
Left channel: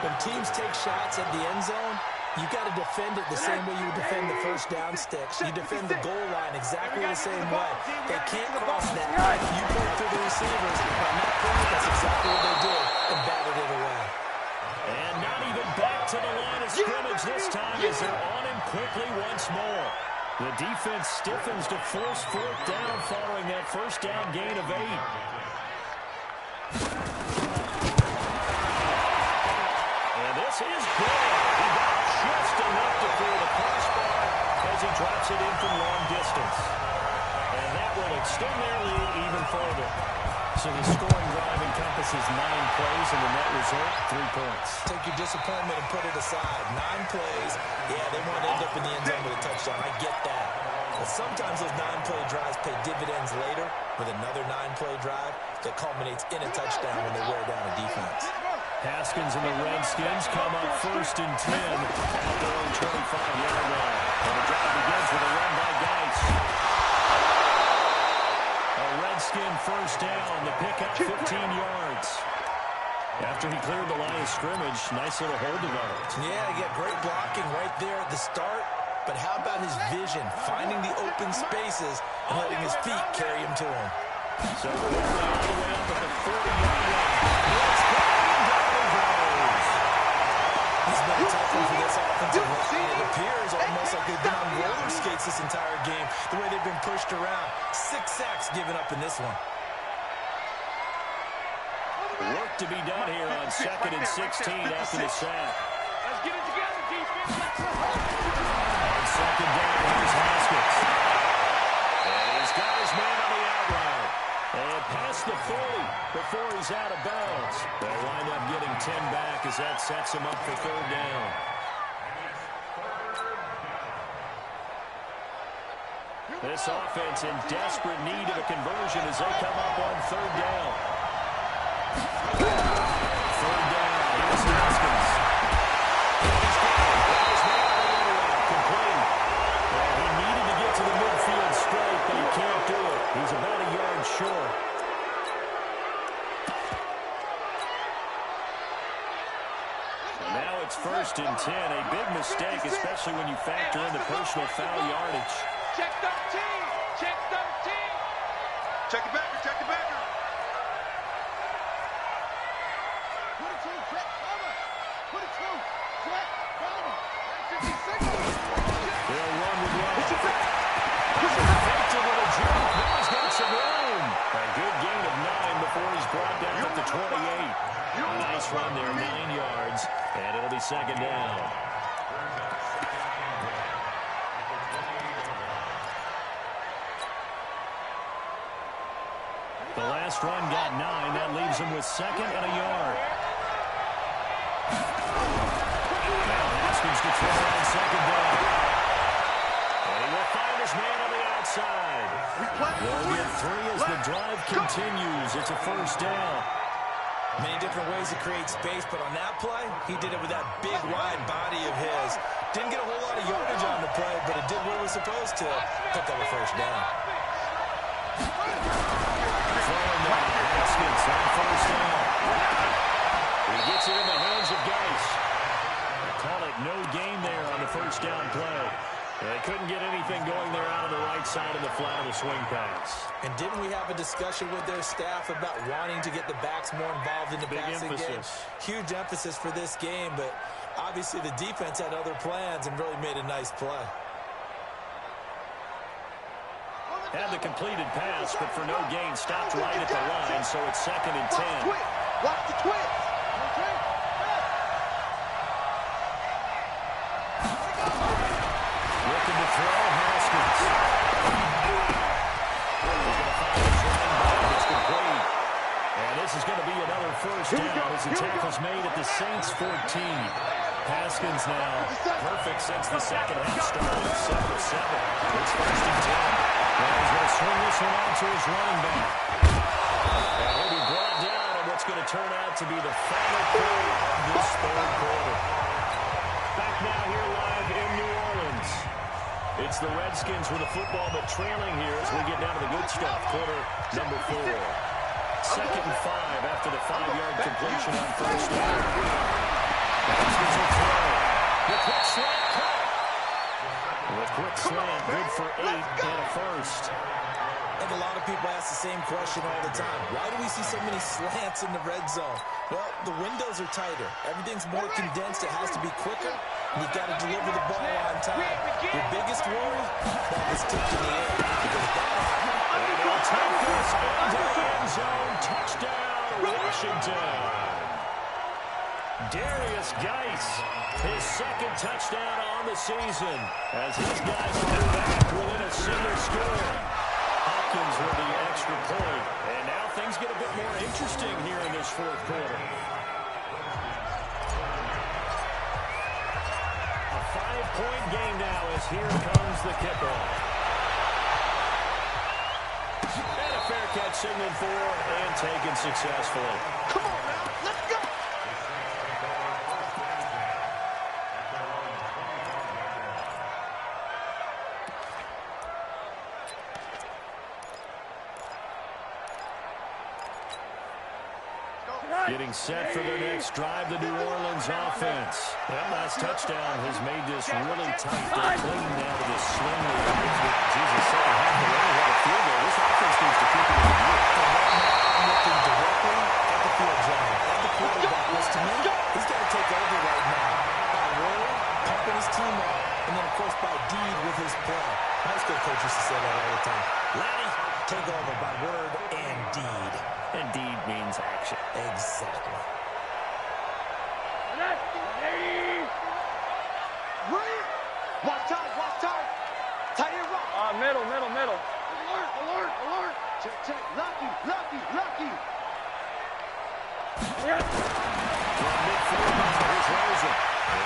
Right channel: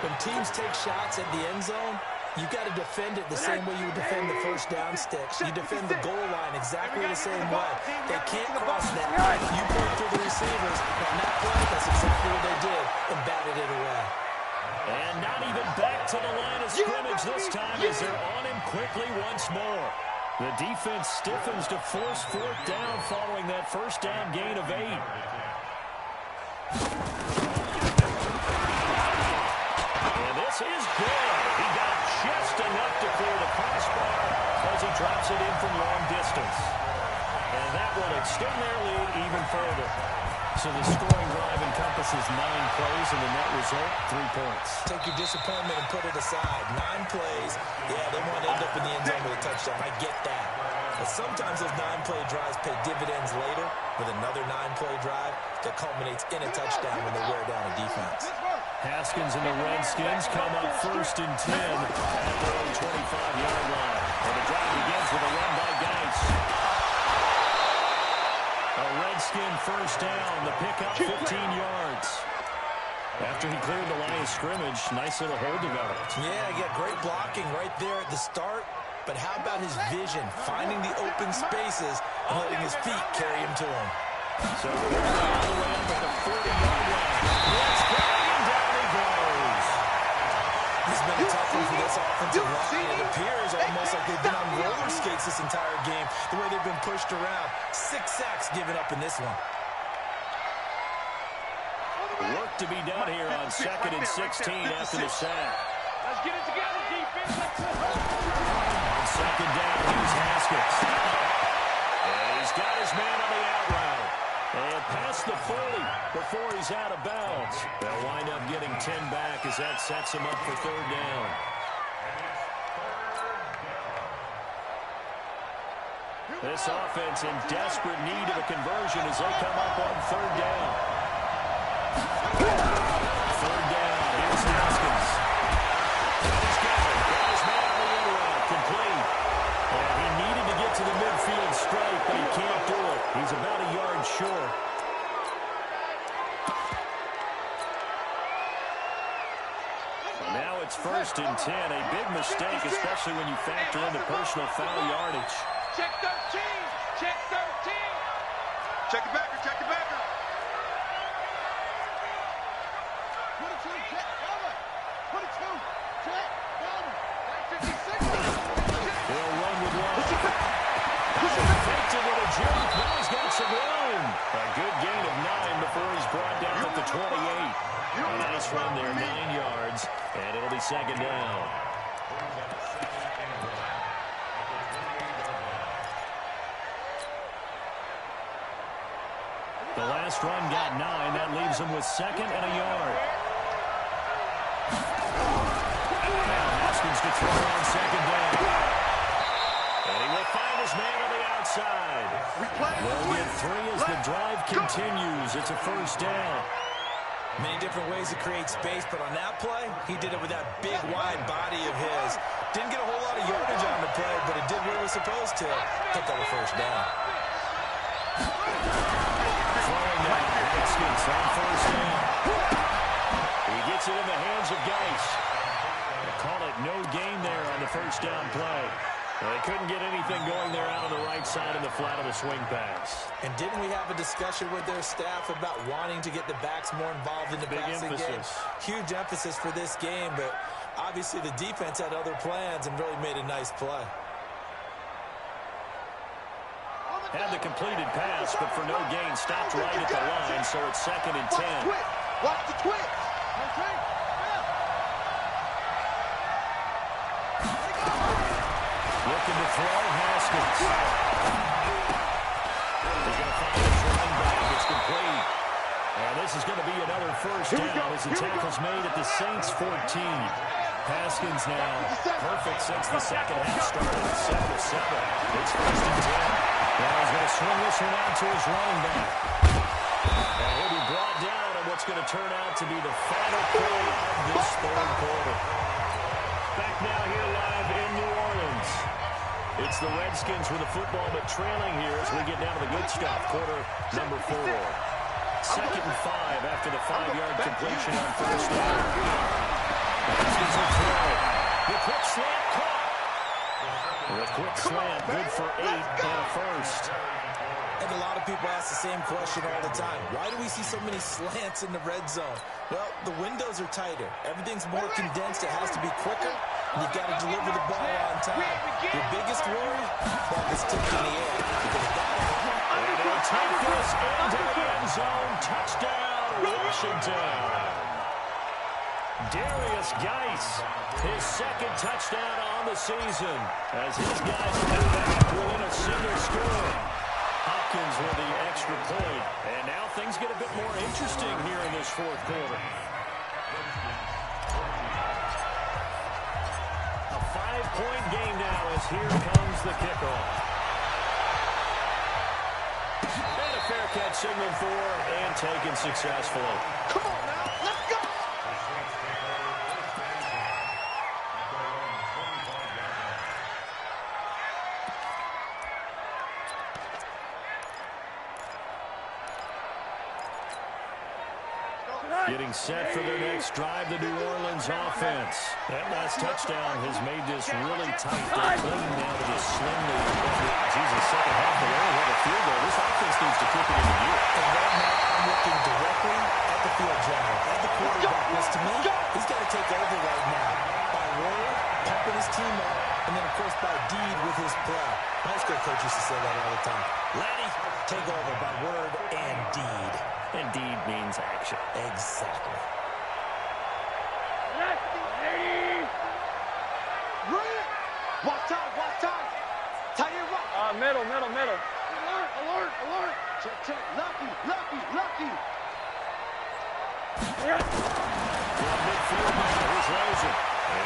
When teams take shots at the end zone, You got to defend it the same way you would defend the first down sticks. You defend the goal line exactly the same way. They can't cross that. You pull through the receivers. On that play, that's exactly what they did and batted it away. And not even back to the line of scrimmage this time as they're on him quickly once more. The defense stiffens to force fourth down following that first down gain of 8. And this is good. He got just enough to clear the crossbar as he drops it in from long distance. And that will extend their lead even further. So the scoring drive encompasses 9 plays, and the net result, 3 points. Take your disappointment and put it aside. 9 plays. Yeah, they want to end up in the end zone with a touchdown. I get that. But sometimes those 9-play drives pay dividends later with another 9-play drive that culminates in a touchdown when they wear down a defense. Haskins and the Redskins come up 1st and 10 at their own 25-yard line. And the drive begins with a run by Geis. A Redskin first down, the pickup 15 yards. After he cleared the line of scrimmage, nice little hole developed. Yeah, he got great blocking right there at the start. But how about his vision, finding the open spaces and letting his feet carry him to him? So all the way up at the 40-yard line. Let's go, and down he goes. He's been a tough one for this offensive line. It appears almost like they've been on roller skates this entire game, the way they've been pushed around. 6 sacks given up in this one. Work to be done here on 2nd and 16 after the sack. Let's get it together, defense. On 2nd down, here's Haskins. And he's got his man on the out route. And past the 40 before he's out of bounds. They'll wind up getting 10 back as that sets him up for 3rd down. This offense in desperate need of a conversion as they come up on 3rd down. 3rd down, here's Haskins. He's got it. Got his man on the end route, complete. And he needed to get to the midfield straight, but he can't do it. He's about a yard short. Now it's 1st and 10. A big mistake, especially when you factor in the personal foul yardage. Check 13. Check 13. Check the backer. Check the backer. 22, jet, bomber. 22, jet, bomber. 56. They'll run with one. Faked it with a jerk. Now he's got some room. A good gain of 9 before he's brought down at the 28. A nice run there, 9 yards, and it'll be 2nd down. The last run got 9. That leaves him with 2nd and a yard. Now Haskins to throw on 2nd down. And he will find his man on the outside. They'll get 3 as the drive continues. It's a 1st down. Many different ways to create space, but on that play, he did it with that big, wide body of his. Didn't get a whole lot of yardage on the play, but it did what it was supposed to. Pick up a 1st down. Throwing down Haskins on 1st down. He gets it in the hands of Geis. They call it no gain there on the 1st down play. They couldn't get anything going there out on the right side of the flat of the swing pass. And didn't we have a discussion with their staff about wanting to get the backs more involved in the passing game? Huge emphasis for this game, but obviously the defense had other plans and really made a nice play. Had the completed pass, but for no gain, stopped right at the line, so it's 2nd and 10. Watch the twist. Okay. Looking to throw, Haskins. He's going to find his running back. It's complete. And this is going to be another 1st down as the tackle's made at the Saints' 14. Haskins now perfect since the 2nd half started. 7 of 7. It's 1st and 10. Now he's going to swing this one out to his running back. And he'll be brought down on what's going to turn out to be the final play of this 3rd quarter. Back now here live in New Orleans. It's the Redskins with the football, but trailing here as we get down to the good stuff. Quarter number 4. 2nd and 5 after the 5-yard completion on 1st down. Haskins will throw. The quick slide. The quick slant, good for 8 and a first. And a lot of people ask the same question all the time. Why do we see so many slants in the red zone? Well, the windows are tighter. Everything's more condensed. It has to be quicker, and you've got to deliver the ball on time. Your biggest worry? Ball gets tipped in the air. Because if that happens, and he'll take this into the end zone. Touchdown, Washington. Darius Geis, his second touchdown on the season, as his guys come back within a single score. Hopkins with the extra point, and now things get a bit more interesting here in this fourth quarter. A 5-point game now as here comes the kickoff. And a fair catch signaled for and taken successfully. Come on now, let's go! Getting set for their next drive, the New Orleans offense. That last touchdown has made this really tight. They're clinging now to this slim lead. Jesus, second half, they only have a field goal. This offense needs to keep it in the gear. And right now, I'm looking directly at the field general, at the quarterback, which to me, he's got to take over right now. By word, pumping his team up, and then, of course, by deed with his play. My high school coach used to say that all the time. Laddie, take over by word and deed. And deed means action. Exactly. Watch time, watch time. Tight end right. Middle. Alert. Check. Lucky. From midfield now, here's Rosen.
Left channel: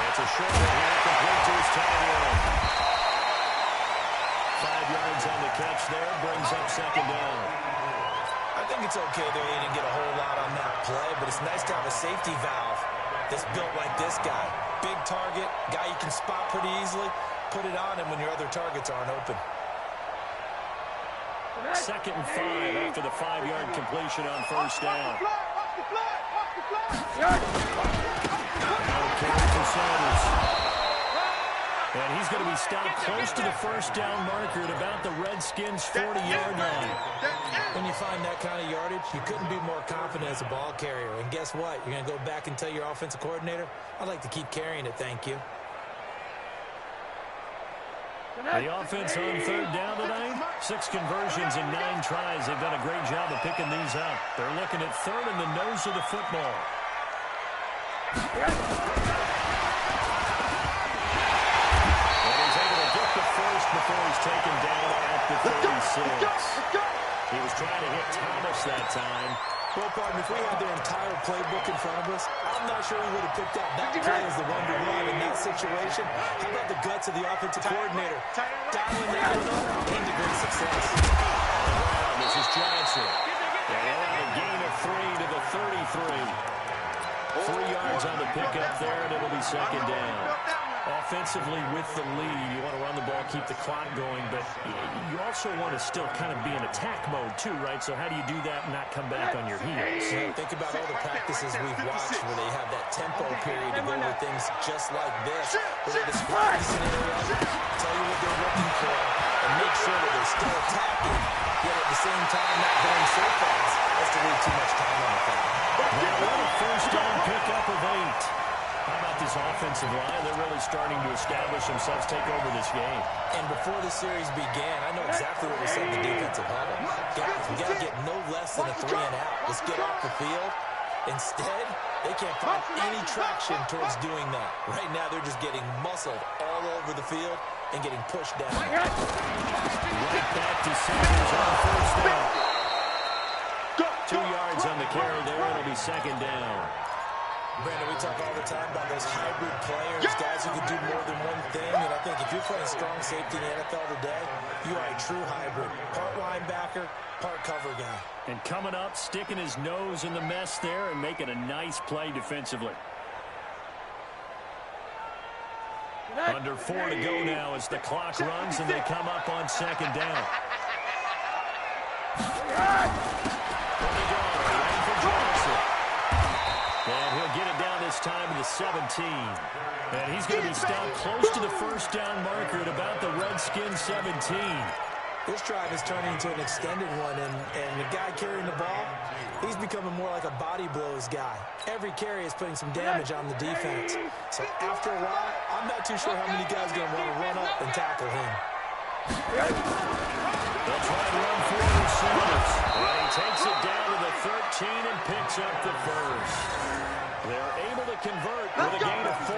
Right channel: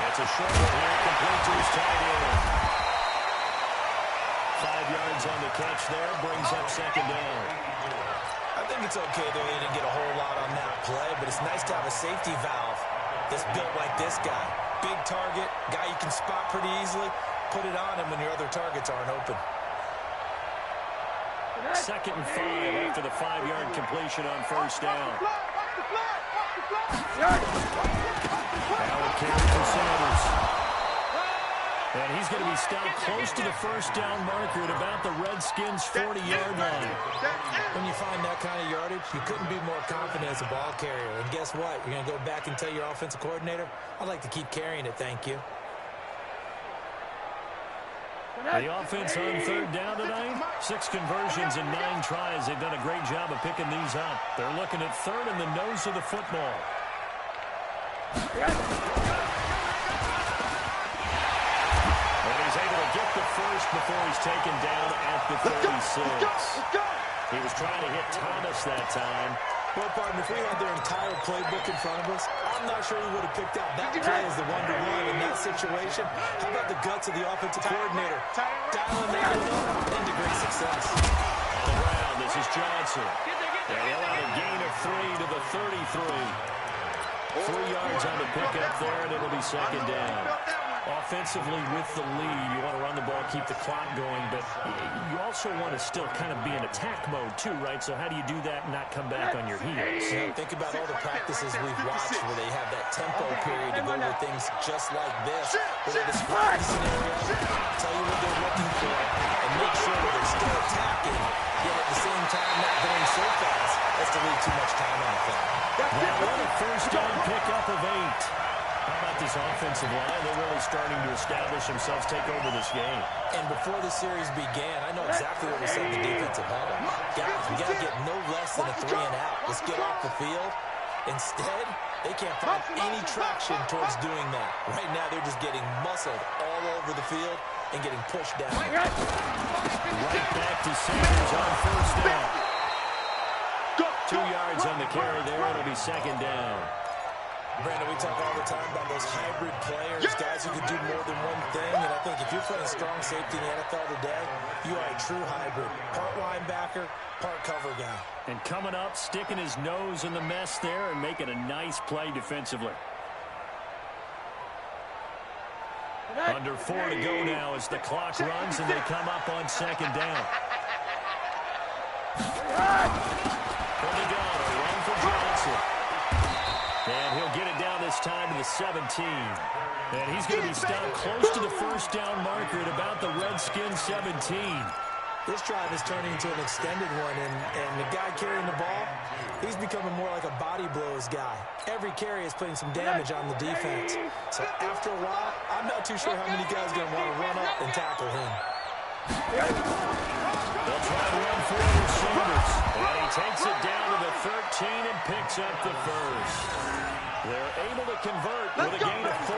It's a short one here, complete to his tight end. 5 yards on the catch there, brings up second down. I think it's okay that they didn't get a whole lot on that play, but it's nice to have a safety valve that's built like this guy. Big target, guy you can spot pretty easily. Put it on him when your other targets aren't open. 2nd and 5 after the 5-yard completion on first down. Watch the flag. Now a carry for Sanders. And he's going to be stopped close to the first down marker at about the Redskins' 40-yard line. When you find that kind of yardage, you couldn't be more confident as a ball carrier. And guess what? You're going to go back and tell your offensive coordinator, I'd like to keep carrying it, thank you. The offense on third down tonight, 6 conversions and 9 tries. They've done a great job of picking these up. They're looking at third in the nose of the football. Get the first before he's taken down at the 36. He was trying to hit Thomas that time. Well, partner, if we had their entire playbook in front of us, I'm not sure we would have picked out that play as the one to run in that situation. How about the guts of the offensive coordinator? Dialing that one up into great success. On the ground, this is Johnson. And he'll have a gain of 3 to the 33. 3 yards on the pickup there, and it'll be second down. Offensively with the lead, you want to run the ball, keep the clock going, but you also want to still kind of be in attack mode too, right? So how do you do that and not come back on your heels? Yeah, think about all the practices we've watched where they have that tempo period to go over things just like this, where they describe the scenario, tell you what they're looking for, and make sure that they're still attacking, yet at the same time not going so fast as to leave too much time on the clock. Now what a first down pickup of 8. How about this offensive line? They're really starting to establish themselves, take over this game. And before the series began, I know exactly what we said in the defensive huddle. Guys, we got to get no less than a 3 and out. Let's get off the field. Instead, they can't find any traction towards doing that. Right now, they're just getting muscled all over the field and getting pushed down. Right back to Sanders on first down. 2 yards on the carry there. It'll be second down. Brandon, we talk all the time about those hybrid players, guys who can do more than one thing, and I think if you're playing strong safety in the NFL today, you are a true hybrid. Part linebacker, part cover guy. And coming up, sticking his nose in the mess there and making a nice play defensively. Under 4 to go now as the clock runs and they come up on second down. From the gun, a run for Johnson. And he'll get it down this time to the 17. And he's going to be stopped close to the first down marker at about the Redskins 17. This drive is turning into an extended one, and the guy carrying the ball, he's becoming more like a body blows guy. Every carry is putting some damage on the defense. So after a while, I'm not too sure how many guys are going to want to run up and tackle him. They'll try and run forward Sanders. And he takes it down to the 13 and picks up the first. They're able to convert with a gain of 4.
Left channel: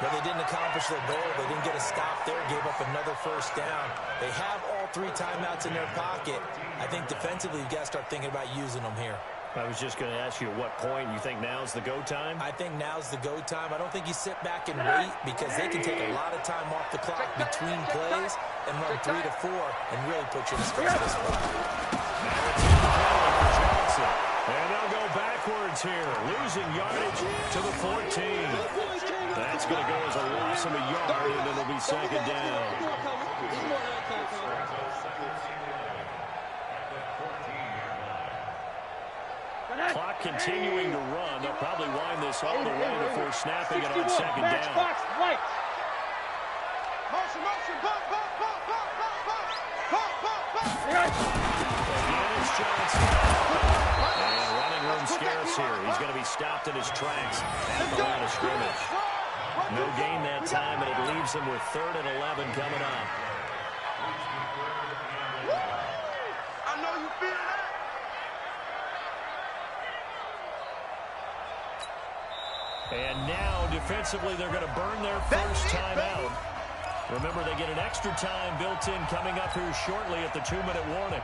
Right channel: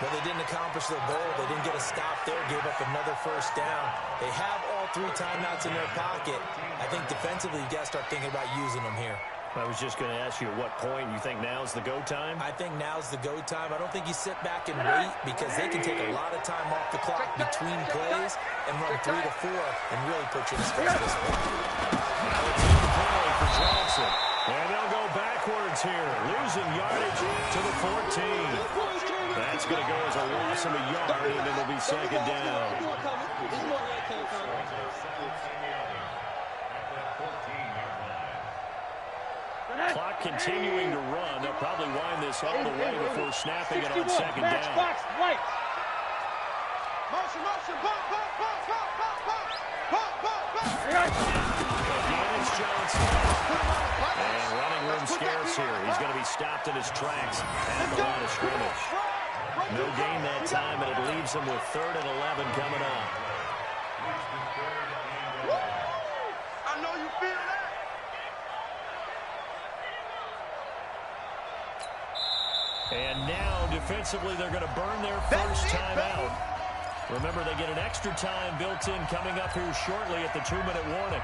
But they didn't accomplish their goal. They didn't get a stop there, gave up another first down. They have all 3 timeouts in their pocket. I think defensively you've got to start thinking about using them here. I was just going to ask you at what point you think now's the go time? I think now's the go time. I don't think you sit back and wait because they can take a lot of time off the clock between plays and run 3 to 4 and really put you in a stressful spot. Now it's in play for Johnson. And they'll go backwards here, losing yardage to the 14. That's going to go as a loss of a yard, and it'll be second down. Clock continuing to run. They'll probably wind this all the way before snapping it on second down. Motion, Again, it's Johnson. And running room scarce here. He's going to be stopped in his tracks at the line of scrimmage. No gain that time, and it leaves him with 3rd and 11 coming up. I know you feel that. And now, defensively, they're going to burn their first time out. Remember, they get an extra time built in coming up here shortly at the 2-minute warning.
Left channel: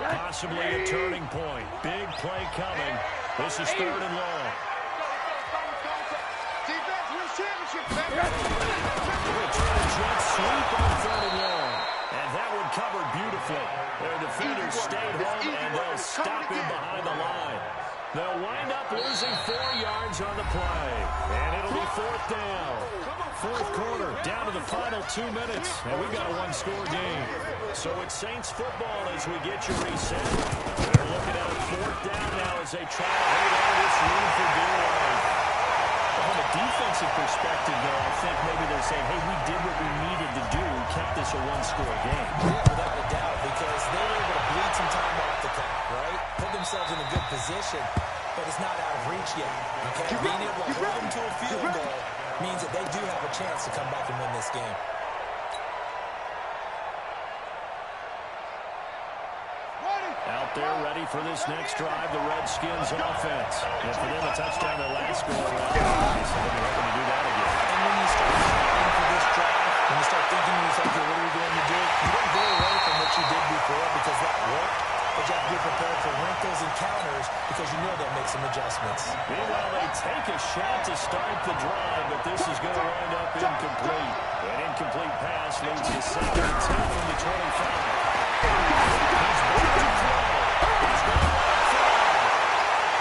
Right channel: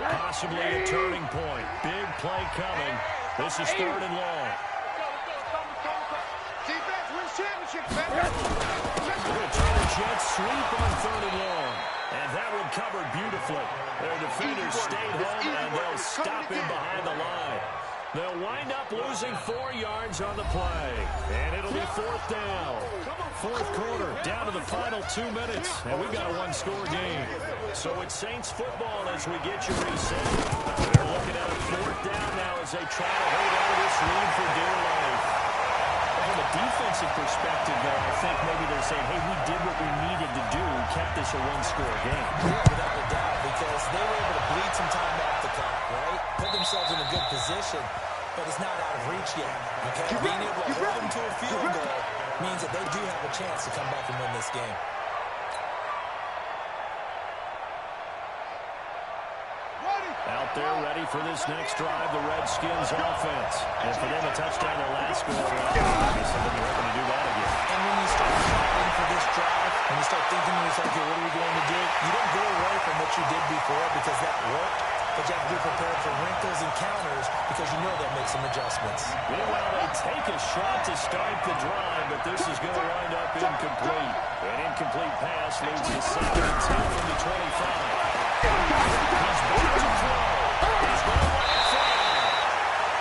Possibly a turning point. Big play coming. This is 3rd and long. Defense wins championships, baby. Return jet sweep on 3rd and long. And that one covered beautifully. Their defenders stayed home, and they'll stop him behind the line. They'll wind up losing 4 yards on the play. And it'll be 4th down. 4th quarter, down to the final 2 minutes. And we've got a 1-score game. So it's Saints football as we get you reset. They're looking at a 4th down now as they try to hold on to this lead for dear life. From a defensive perspective, though, I think maybe they're saying, hey, we did what we needed to do, kept this a 1-score game. Yeah, without a doubt, because they were able to bleed some time off the clock, right? Put themselves in a good position, but it's not out of reach yet, okay? Being able to hold them to a field goal means that they do have a chance to come back and win this game. Out there ready for this next drive, the Redskins offense. And for them, a touchdown their last go around. Obviously, they'll be hoping to do that again. And when you start planning for this drive, when you start thinking to yourself, okay, what are we going to do? You don't go away from what you did before because that worked, but you have to be prepared for wrinkles and counters because you know they'll make some adjustments. Meanwhile, they take a shot to start the drive, but this is going to wind up incomplete. An incomplete pass leads to 2nd and 10 from the 25. He's back to throw. He's going to let it fly.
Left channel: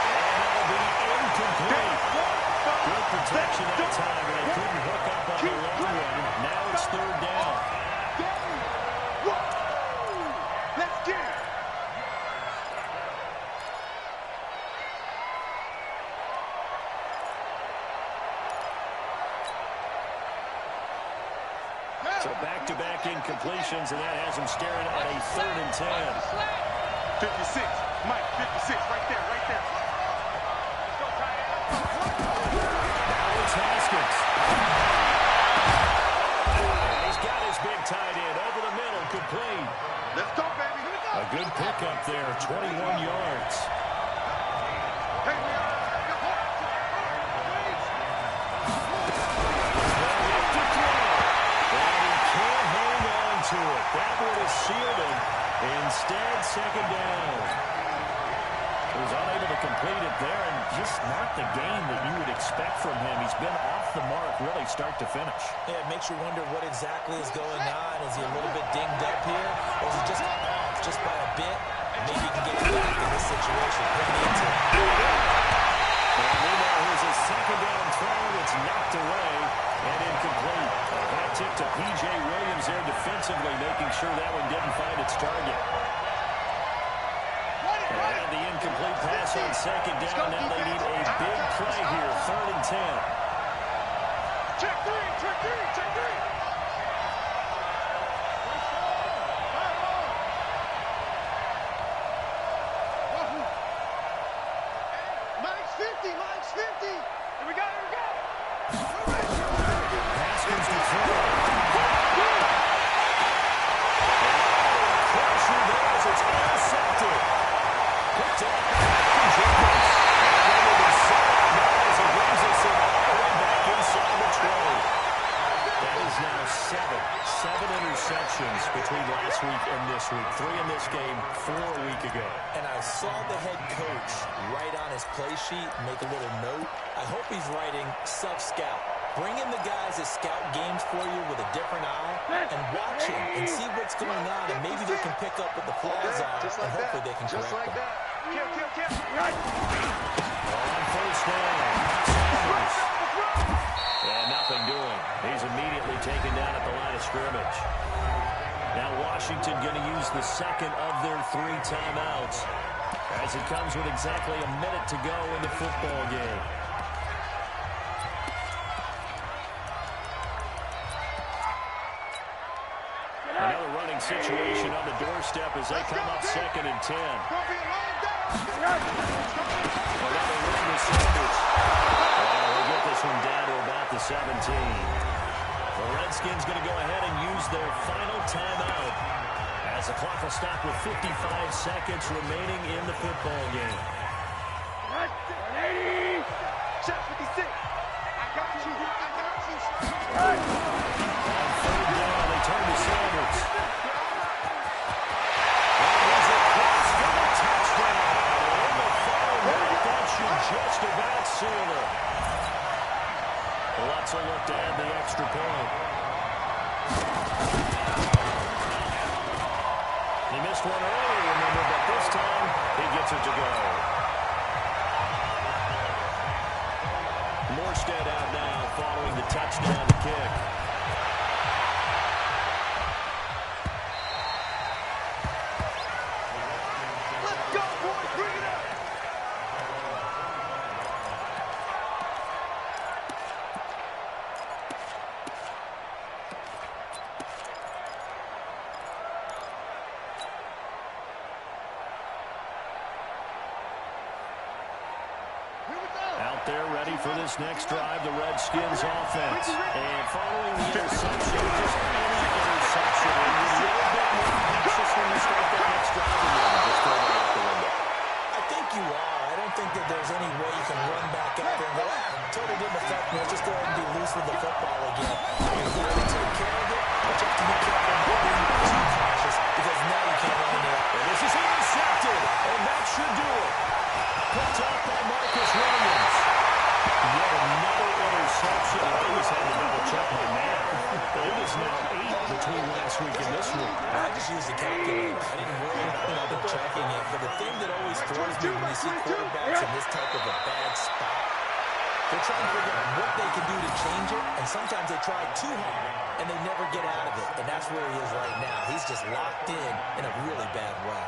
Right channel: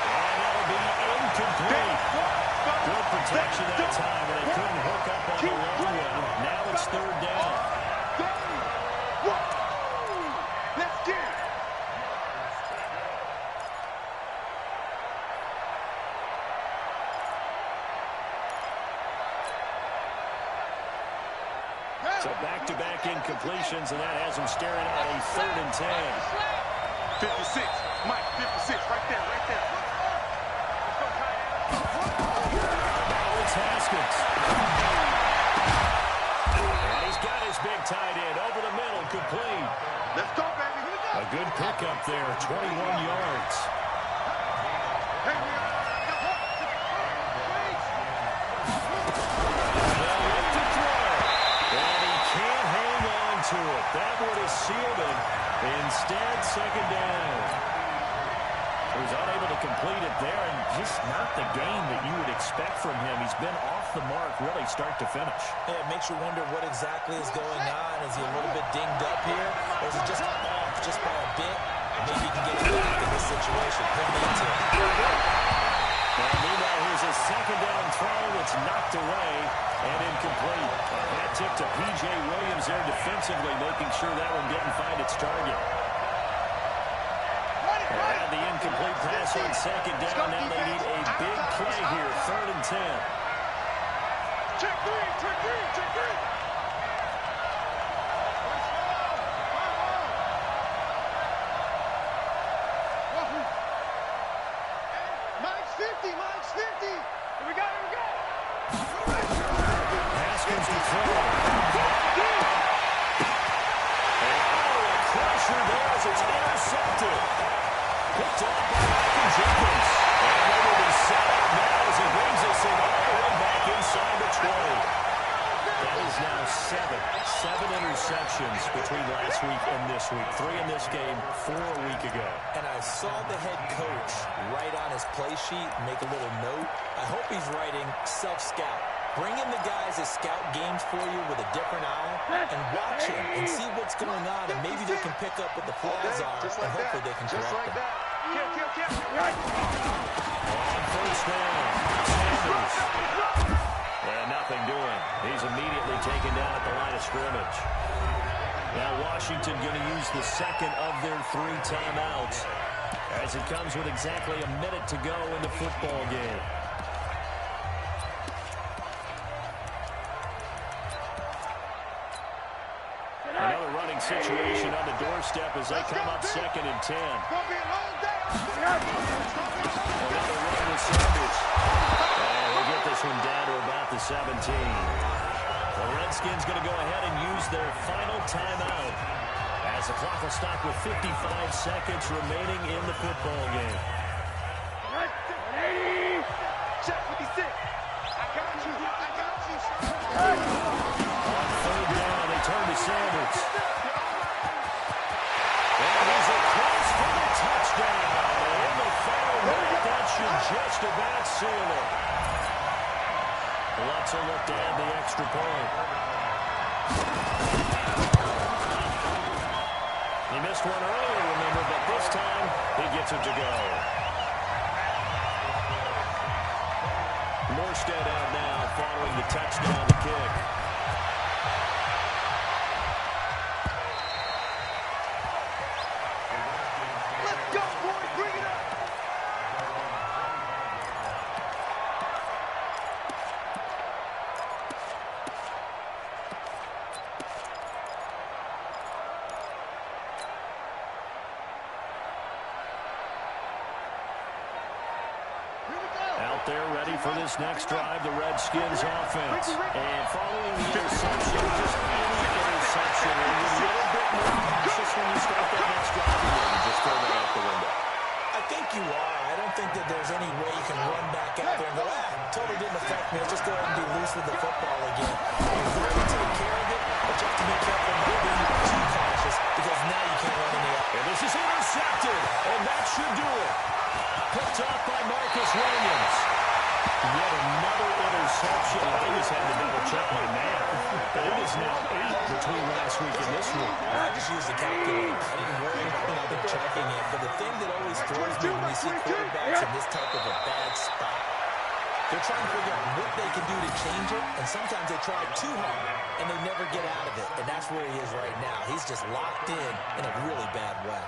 And that'll be incomplete. Good protection that time, and they couldn't hook up on the long one. Now it's 3rd down. Let's get it. So back-to-back incompletions, and that has them staring at a 3rd and 10. 56. Mike, 56. Right there, right there. Let's go, tight end. Now it's Haskins. And he's got his big tight end over the middle, complete. Let's go, baby. Here we go. A good pickup there, 21 yards. Hey, we are. To it. That would have sealed it. Instead, 2nd down. He was unable to complete it there, and just not the game that you would expect from him. He's been off the mark, really, start to finish. Yeah, it makes you wonder what exactly is going on. Is he a little bit dinged up here, or is he just off just by a bit? Maybe he can get it back in this situation. He'll need to. And meanwhile, here's a 2nd down throw. It's knocked away and incomplete. A hat tip to P.J. Williams there defensively, making sure that one didn't find its target. And had the incomplete pass on second down. Now they need a big play here, 3rd and 10. Check three, check three, check three. Mike's 50, Mike's 50. Here we go, here we go. Haskins to throw. Oh, a crusher there as it's intercepted. Picked up by Malcolm Jenkins. And they will be set up now as it brings us in all the way back inside the 20. That is now 7 interceptions between last week and this week. 3 in this game, 4 a week ago. And I saw the head coach write on his play sheet, make a little note. I hope he's writing self-scout. Bring in the guys that scout games for you with a different eye and watch him and see what's going on, and maybe they can pick up what the flaws are, and hopefully they can correct them. Kill. On first down, Sanders. And nothing doing. He's immediately taken down at the line of scrimmage. Now Washington going to use the second of their 3 timeouts as it comes with exactly a minute to go in the football game. Another running situation on the doorstep as they come up 2nd and 10. Another run with Sanders. And they get this one down to about the 17. The Redskins going to go ahead and use their final timeout as the clock will stop with 55 seconds remaining in the football game. 180. Check 56. I got you, sir. On 3rd down, they turn to Sanders. And he's across for the touchdown. And in the final minute, that should just about seal it. Lutz will look to add the extra point. He missed one earlier, remember, but this time he gets it to go. Morstead out now following the touchdown to kick. Let's go, boys. Bring it up. Out there ready for this next drive, the Redskins offense. And following the interception, just any interception, are you a little bit more cautious when you start that next drive, or you just throw that out the window? I think you are. I don't think that there's any way you can run back out there and go, totally didn't affect me. Let's just go ahead and be loose with the football again. You're going to take care of it, but you have to be careful about being too cautious because now you can't run in the air. And this is intercepted, and that should do it. Picked off by Marcus Williams. Yet another interception. I always had to double-check my math. But it is now 8 between last week and this week. I just used the calculator. I didn't worry about double-checking it. But the thing that always throws me when you see quarterbacks in this type of a bad spot, they're trying to figure out what they can do to change it, and sometimes they try too hard, and they never get out of it. And that's where he is right now. He's just locked in a really bad way.